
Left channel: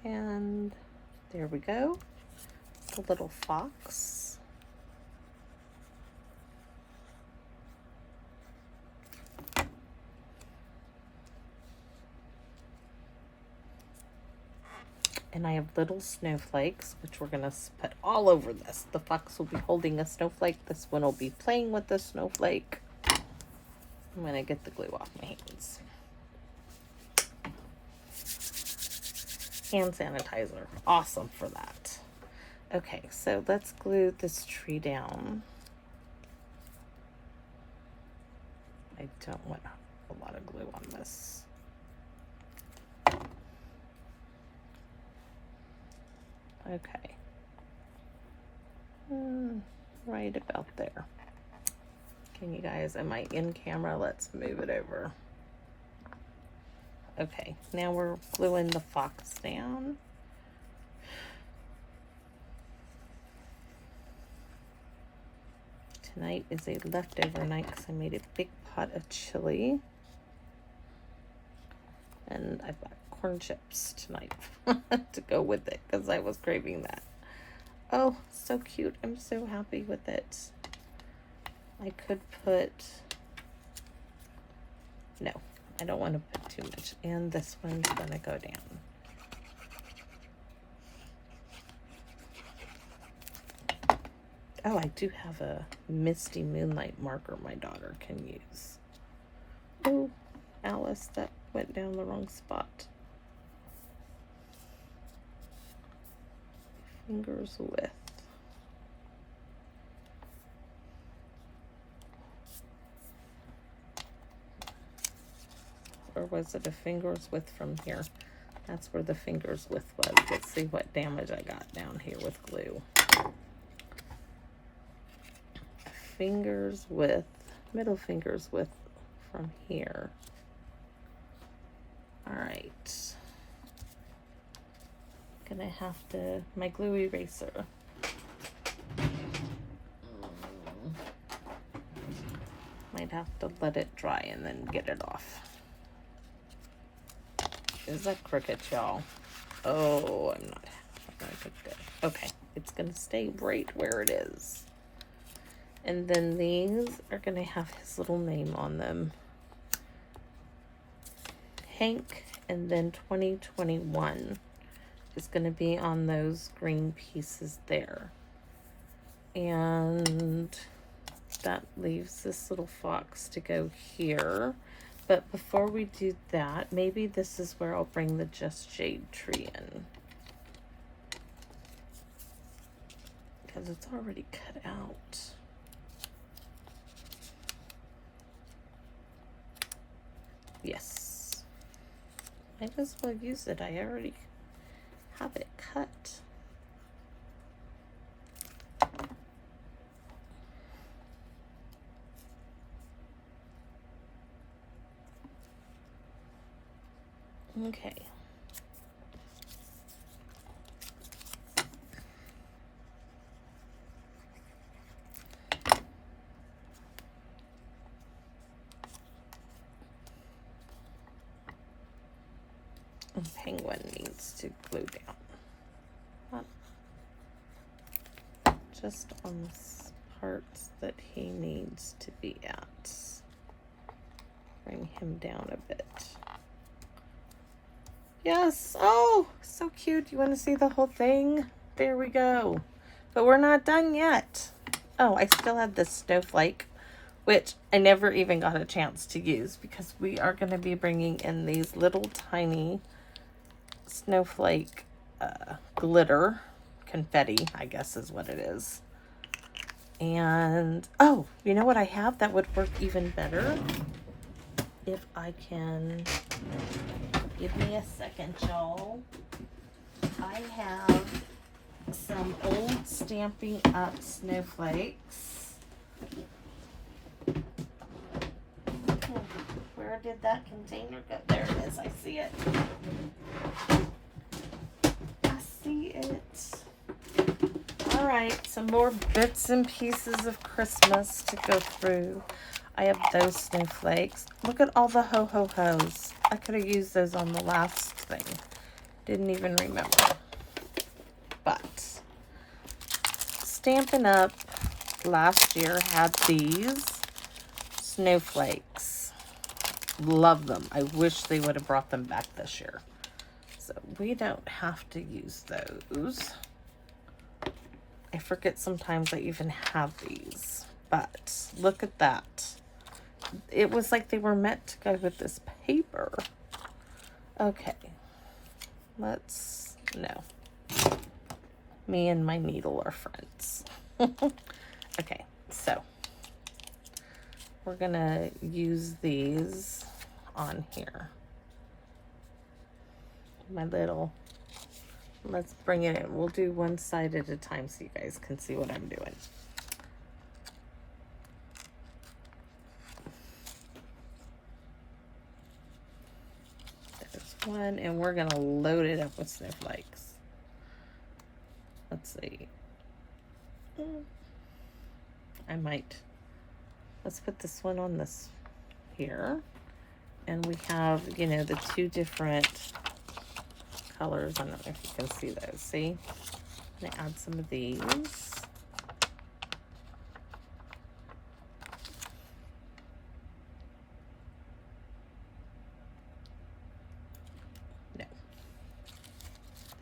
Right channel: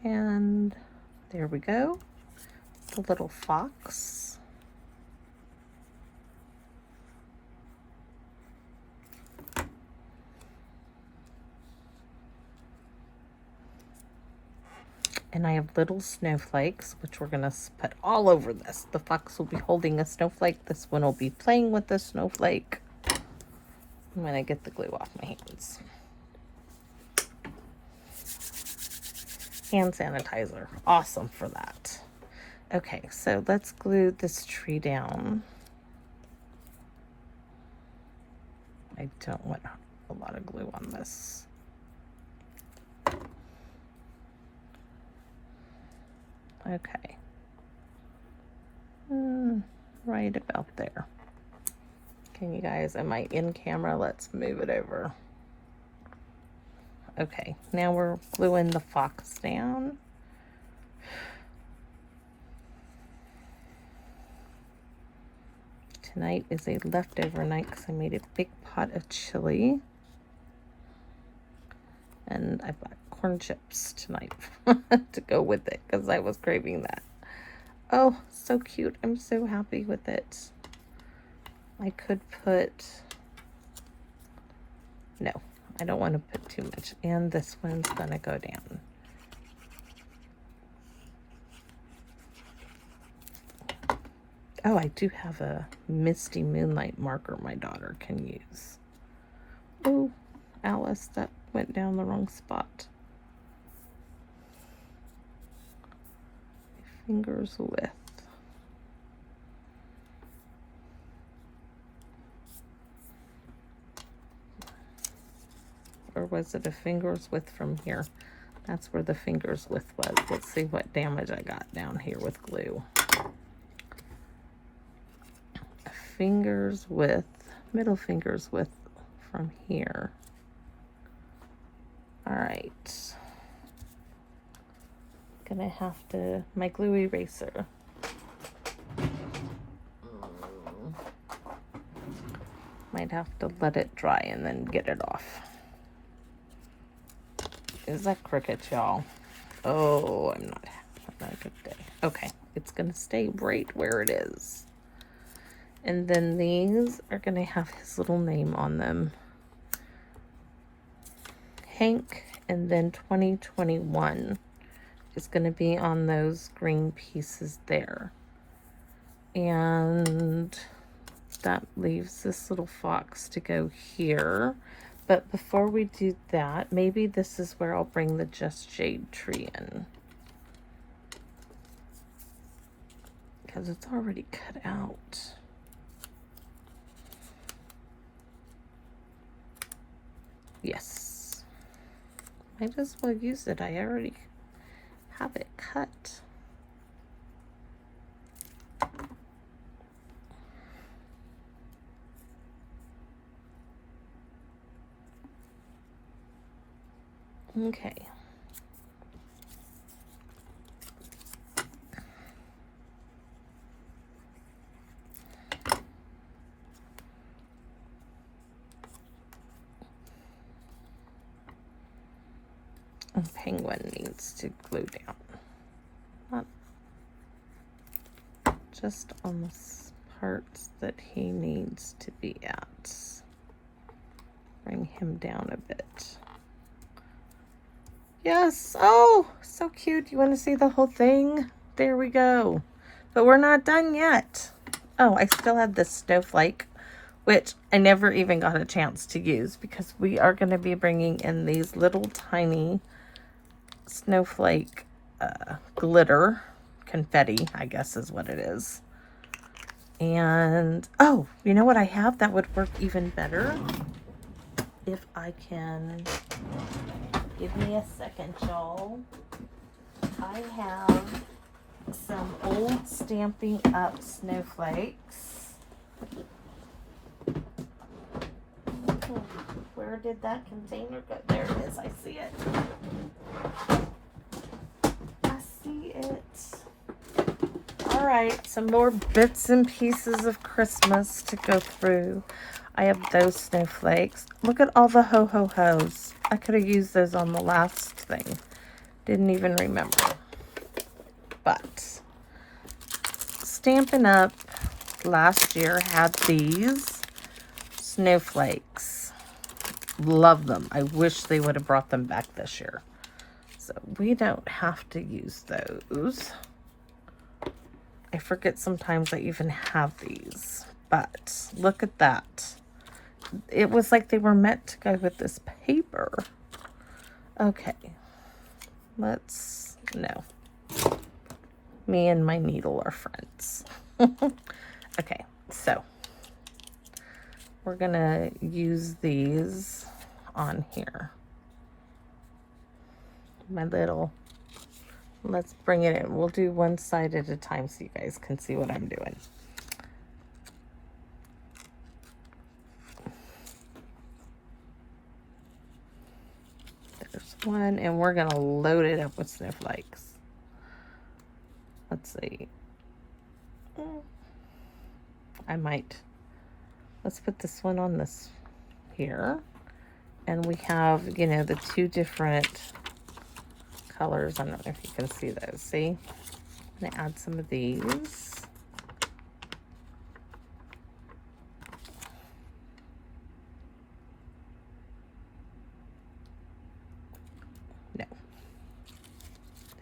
And there we go. The little fox. And I have little snowflakes, which we're gonna put all over this. The fox will be holding a snowflake. This one will be playing with the snowflake. I'm gonna get the glue off my hands. Hand sanitizer, awesome for that. Okay, so let's glue this tree down. I don't want a lot of glue on this. Okay. Right about there. Can you guys, am I in camera? Let's move it over. Okay, now we're gluing the fox down. Tonight is a leftover night because I made a big pot of chili. And I've got corn chips tonight to go with it because I was craving that. Oh, so cute. I'm so happy with it. I could put, no, I don't want to put too much. And this one's gonna go down. Oh, I do have a Misty Moonlight marker my daughter can use. Oh, Alice, that went down the wrong spot. Fingers width. Or was it a finger's width from here? That's where the finger's width was. Let's see what damage I got down here with glue. Finger's width, middle finger's width from here. All right. Gonna have to, my glue eraser. Might have to let it dry and then get it off. Is that crooked, y'all? Oh, I'm not good. Okay, it's gonna stay right where it is. And then these are gonna have his little name on them. Hank, and then 2021 is gonna be on those green pieces there. And that leaves this little fox to go here. But before we do that, maybe this is where I'll bring the Just Jade tree in. because it's already cut out. Yes. Might as well use it. I already have it cut. Okay. A penguin needs to glue down. Not just on the parts that he needs to be at. Bring him down a bit. Yes. Oh, so cute. You want to see the whole thing? There we go. But we're not done yet. Oh, I still have this snowflake, which I never even got a chance to use because we are going to be bringing in these little tiny snowflake glitter confetti, I guess is what it is. And oh, you know what I have that would work even better? If I can, give me a second, y'all. I have some old Stampin' Up! Snowflakes. Where did that container go? There it is. I see it. I see it. All right, some more bits and pieces of Christmas to go through. I have those snowflakes. Look at all the ho-ho-hos. I could have used those on the last thing. Didn't even remember. But Stampin' Up! Last year had these snowflakes. Love them. I wish they would have brought them back this year. So we don't have to use those. I forget sometimes I even have these. But look at that. It was like they were meant to go with this paper. Okay. No. Me and my needle are friends. Okay, so we're gonna use these on here. Let's bring it in. We'll do one side at a time so you guys can see what I'm doing. There's one, and we're gonna load it up with snowflakes. Let's see. Let's put this one on this here. And we have, you know, the two different colors. I don't know if you can see those. See? I'm gonna add some of these. No.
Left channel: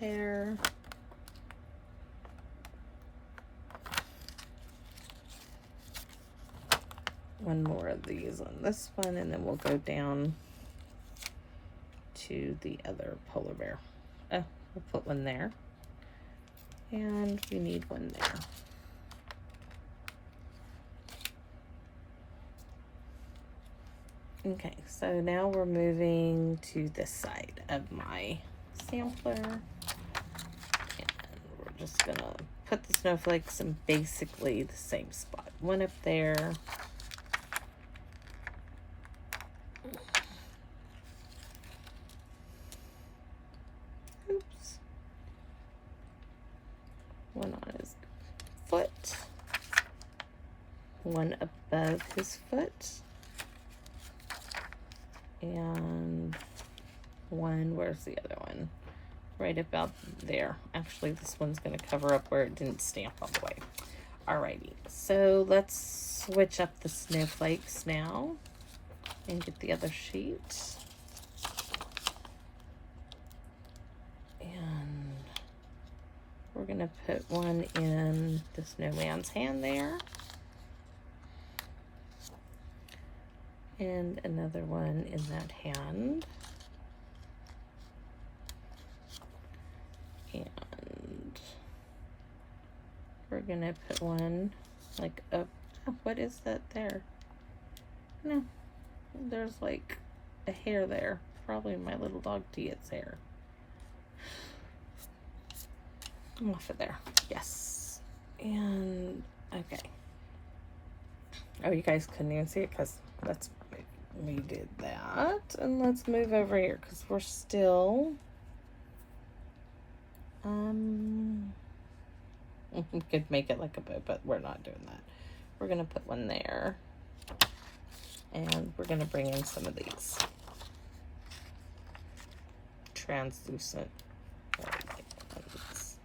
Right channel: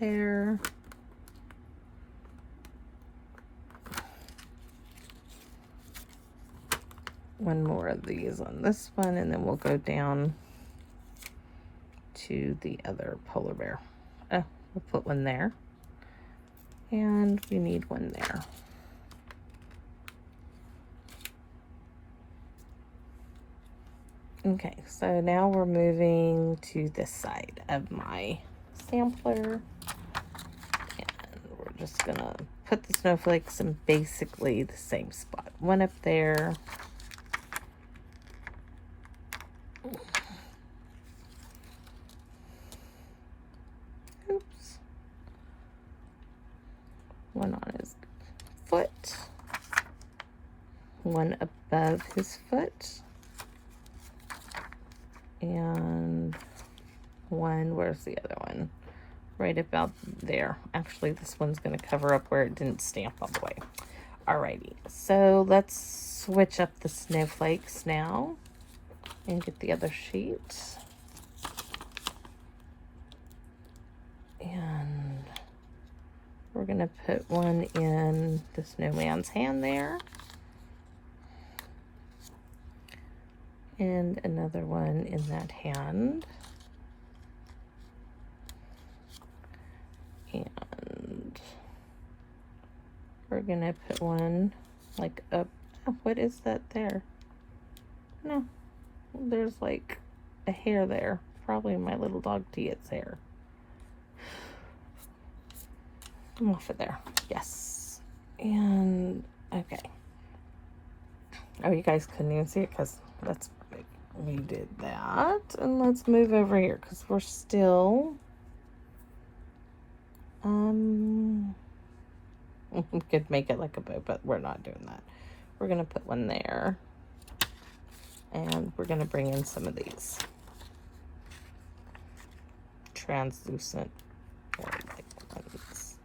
There. One more of these on this one, and then we'll go down to the other polar bear. Oh, we'll put one there. And we need one there. Okay, so now we're moving to this side of my sampler. And we're just gonna put the snowflakes in basically the same spot. One up there. Oops. One on his foot. One above his foot. And one, where's the other one? Right about there. Actually, this one's going to cover up where it didn't stamp all the way. Alrighty, so let's switch up the snowflakes now and get the other sheet. And we're going to put one in the snowman's hand there. And another one in that hand. And we're gonna put one like up. Oh, what is that there? No, there's like a hair there. Probably my little dog Tia's hair. Off of there. Yes. And okay. Oh, you guys couldn't even see it because we did that. And let's move over here because we're still we could make it like a bow, but we're not doing that. We're gonna put one there, and we're gonna bring in some of these translucent ones.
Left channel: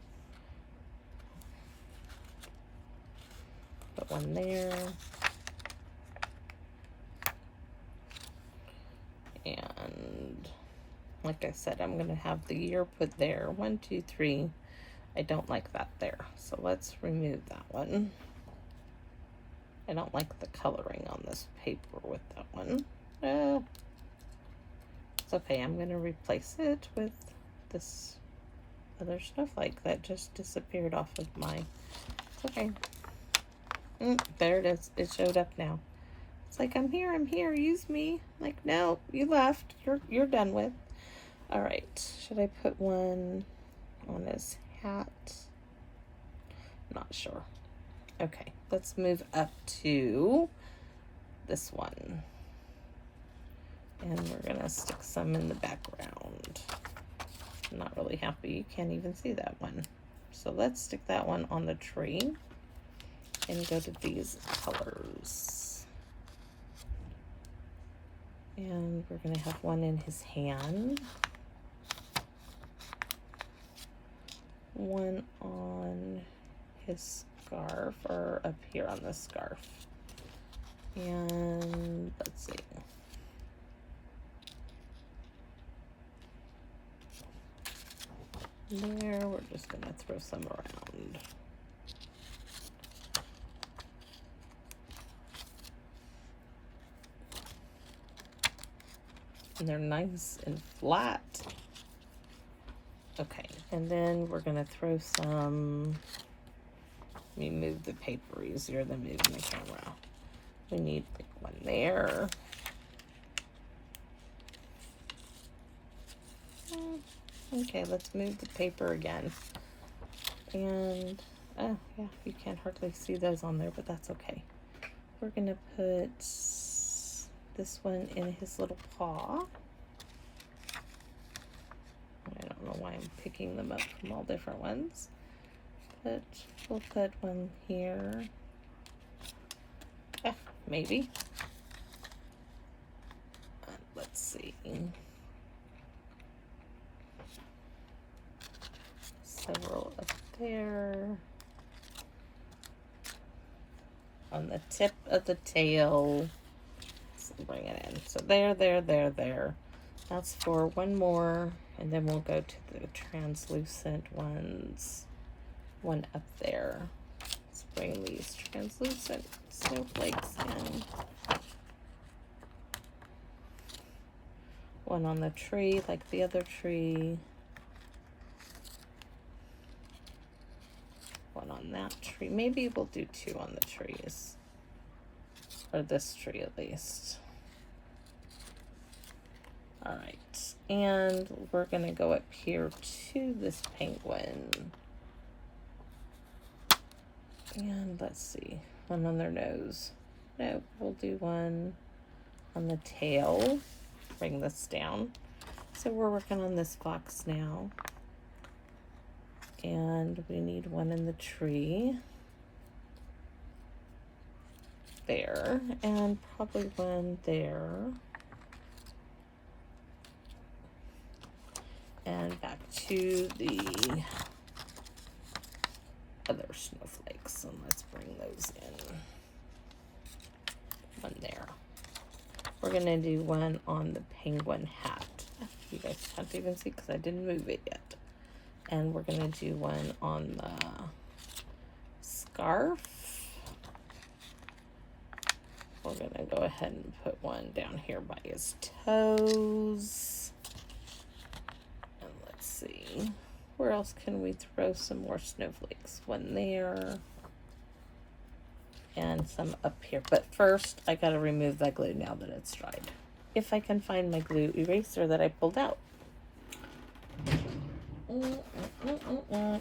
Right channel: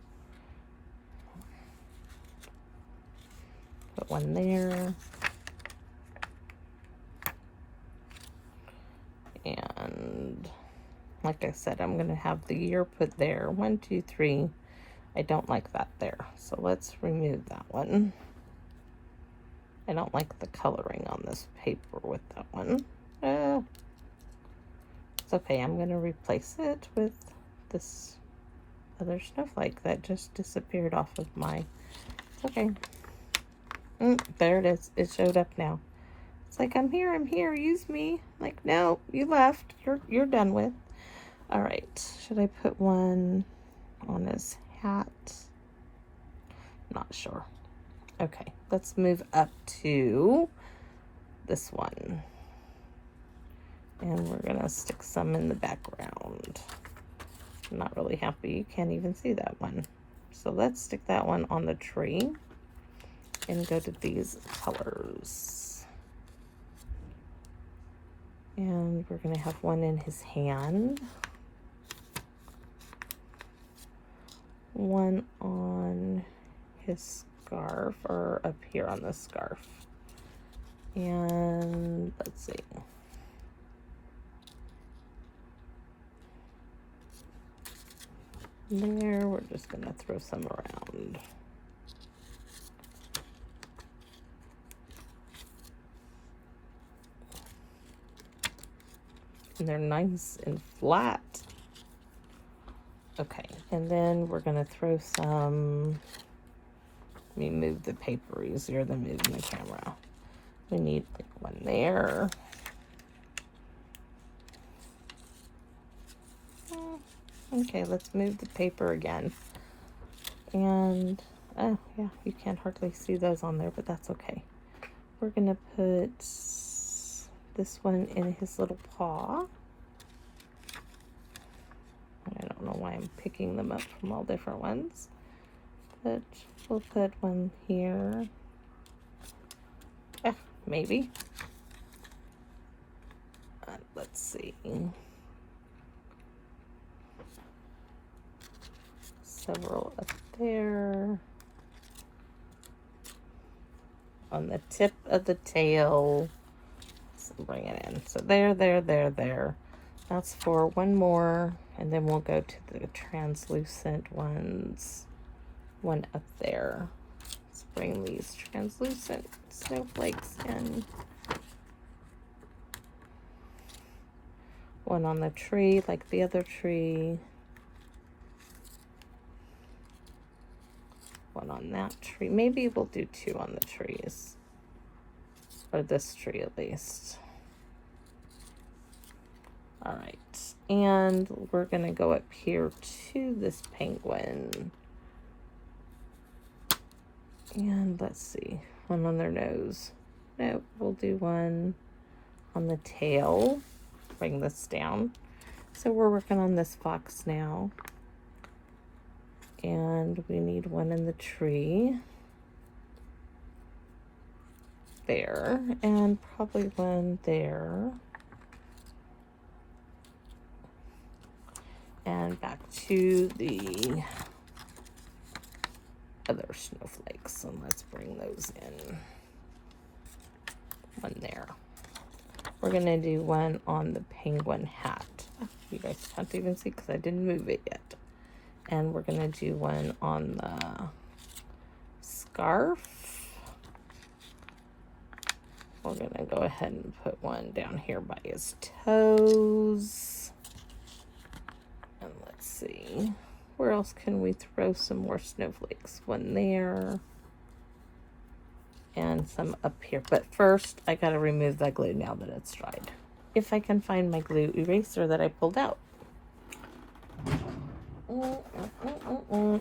Put one there. And like I said, I'm gonna have the year put there. 1, 2, 3. I don't like that there, so let's remove that one. I don't like the coloring on this paper with that one. It's okay, I'm gonna replace it with this other snowflake that just disappeared off of my, okay. There it is, it showed up now. It's like, I'm here, use me. Like, no, you left, you're done with. All right, should I put one on his hat? Not sure. Okay, let's move up to this one. And we're gonna stick some in the background. I'm not really happy you can't even see that one. So let's stick that one on the tree and go to these colors. And we're gonna have one in his hand. One on his scarf, or up here on the scarf. And let's see. There, we're just gonna throw some around. And they're nice and flat. Okay, and then we're gonna throw some, let me move the paper easier than moving the camera. We need one there. Okay, let's move the paper again. And, oh yeah, you can't hardly see those on there, but that's okay. We're gonna put this one in his little paw. I don't know why I'm picking them up from all different ones, but we'll put one here. Maybe. Let's see. Several up there. On the tip of the tail. Let's bring it in. So there. That's for one more. And then we'll go to the translucent ones. One up there. Let's bring these translucent snowflakes in. One on the tree, like the other tree. One on that tree. Maybe we'll do two on the trees. Or this tree at least. All right. And we're gonna go up here to this penguin. And let's see, one on their nose. Nope, we'll do one on the tail. Bring this down. So we're working on this fox now. And we need one in the tree. There, and probably one there. And back to the other snowflakes, and let's bring those in. One there. We're gonna do one on the penguin hat. You guys can't even see because I didn't move it yet. And we're gonna do one on the scarf. We're gonna go ahead and put one down here by his toes. And let's see, where else can we throw some more snowflakes? One there. and some up here. But first, I gotta remove that glue now that it's dried. If I can find my glue eraser that I pulled out.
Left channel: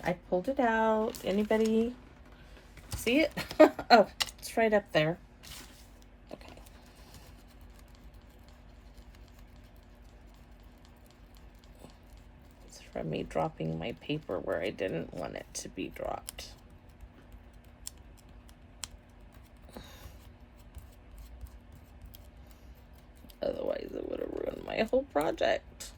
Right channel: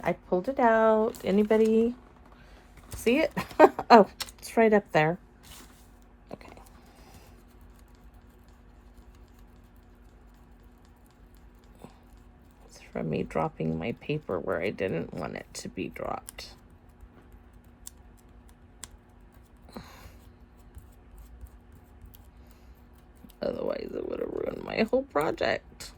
I pulled it out. Anybody see it? Oh, it's right up there. Okay. It's from me dropping my paper where I didn't want it to be dropped. Otherwise, it would have ruined my whole project.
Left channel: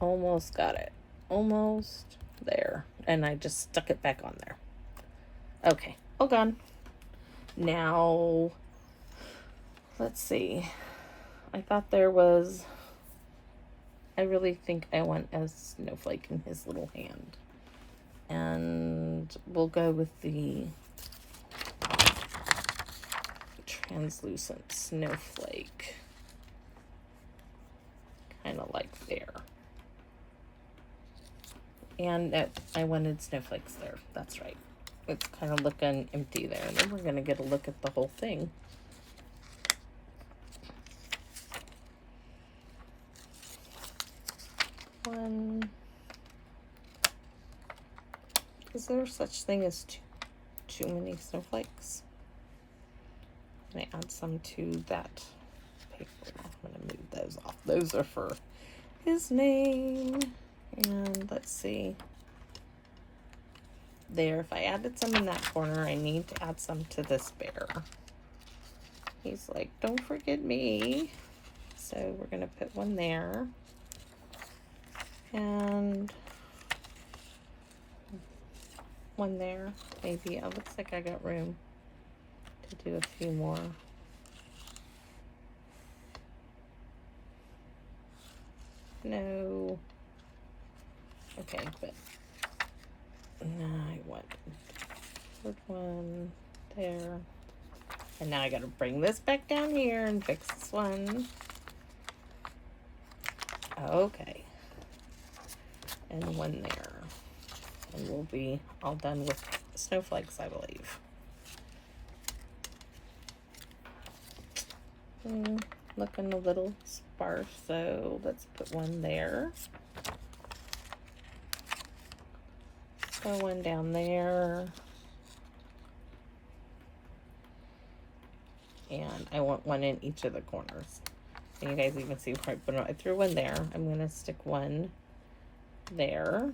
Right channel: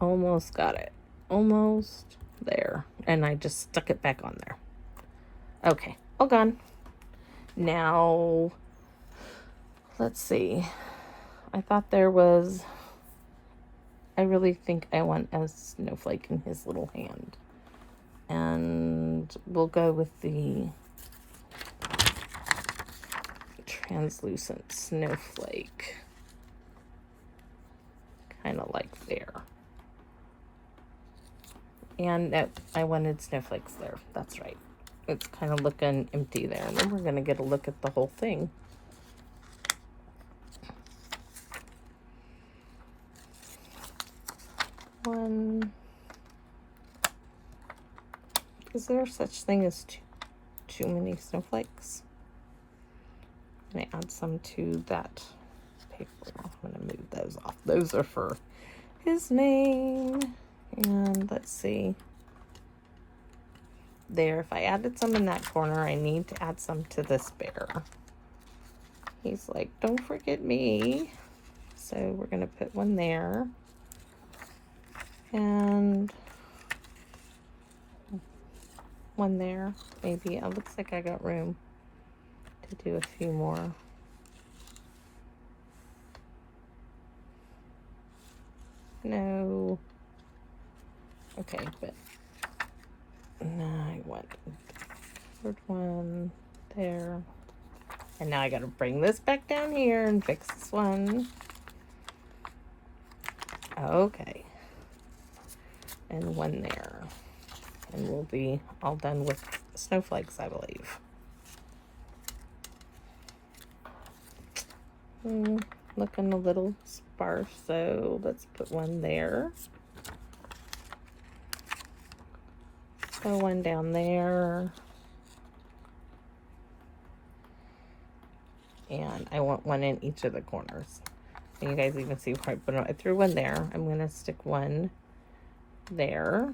Almost got it. Almost there. And I just stuck it back on there. Okay, all gone. Now, let's see. I thought there was, I really think I want a snowflake in his little hand. And we'll go with the translucent snowflake. Kind of like there. And no, I wanted snowflakes there. That's right. It's kind of looking empty there. And then we're going to get a look at the whole thing. Is there such thing as too many snowflakes? I'm going to add some to that paper. I'm going to move those off. Those are for his name. And let's see. There, if I added some in that corner, I need to add some to this bear. He's like, don't forget me. So we're going to put one there. And one there, maybe. It looks like I got room to do a few more. No. Okay, but I want third one there. And now I gotta bring this back down here and fix this one. Okay. And one there. And we'll be all done with snowflakes, I believe. Looking a little sparse, so let's put one there. Throw one down there. And I want one in each of the corners. And you guys even see right, but I threw one there. I'm gonna stick one there.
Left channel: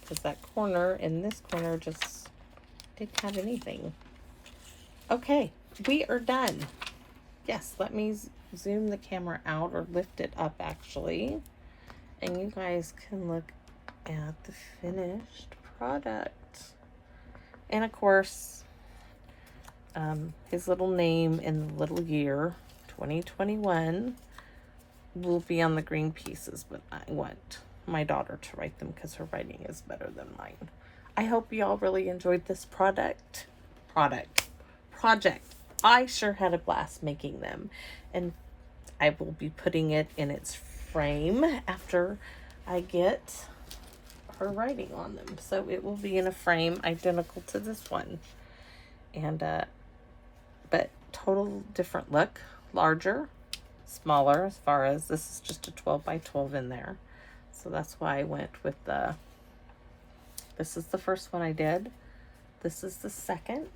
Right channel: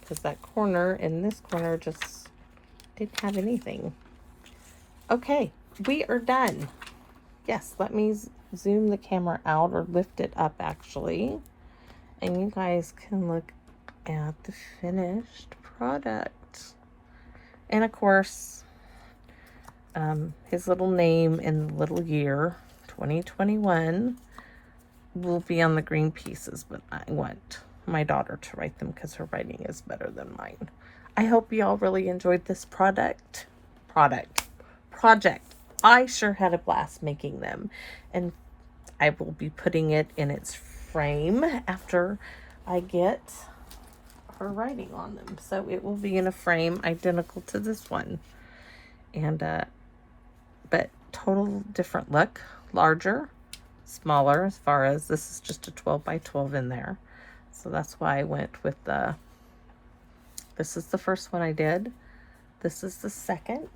Because that corner in this corner just didn't have anything. Okay, we are done. Yes, let me zoom the camera out or lift it up actually. And you guys can look at the finished product. And of course, his little name and the little year, 2021, will be on the green pieces, but I want my daughter to write them because her writing is better than mine. I hope you all really enjoyed this project. I sure had a blast making them, and I will be putting it in its frame after I get her writing on them. So it will be in a frame identical to this one, and but total different look, larger, smaller, as far as this is just a 12 by 12 in there. So that's why I went with the, this is the first one I did. This is the second.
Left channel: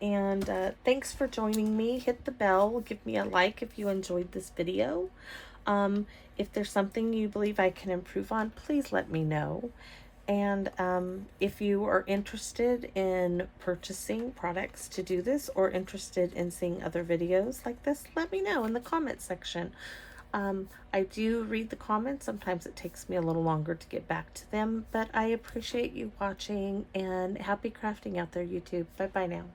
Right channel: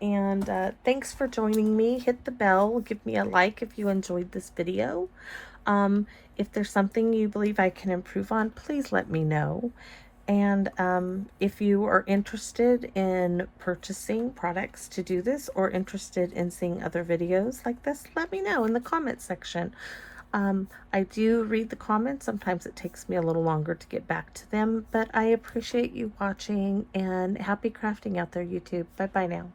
And thanks for joining me. Hit the bell. Give me a like if you enjoyed this video. If there's something you believe I can improve on, please let me know. And if you are interested in purchasing products to do this or interested in seeing other videos like this, let me know in the comment section. I do read the comments. Sometimes it takes me a little longer to get back to them, but I appreciate you watching, and happy crafting out there, YouTube. Bye-bye now.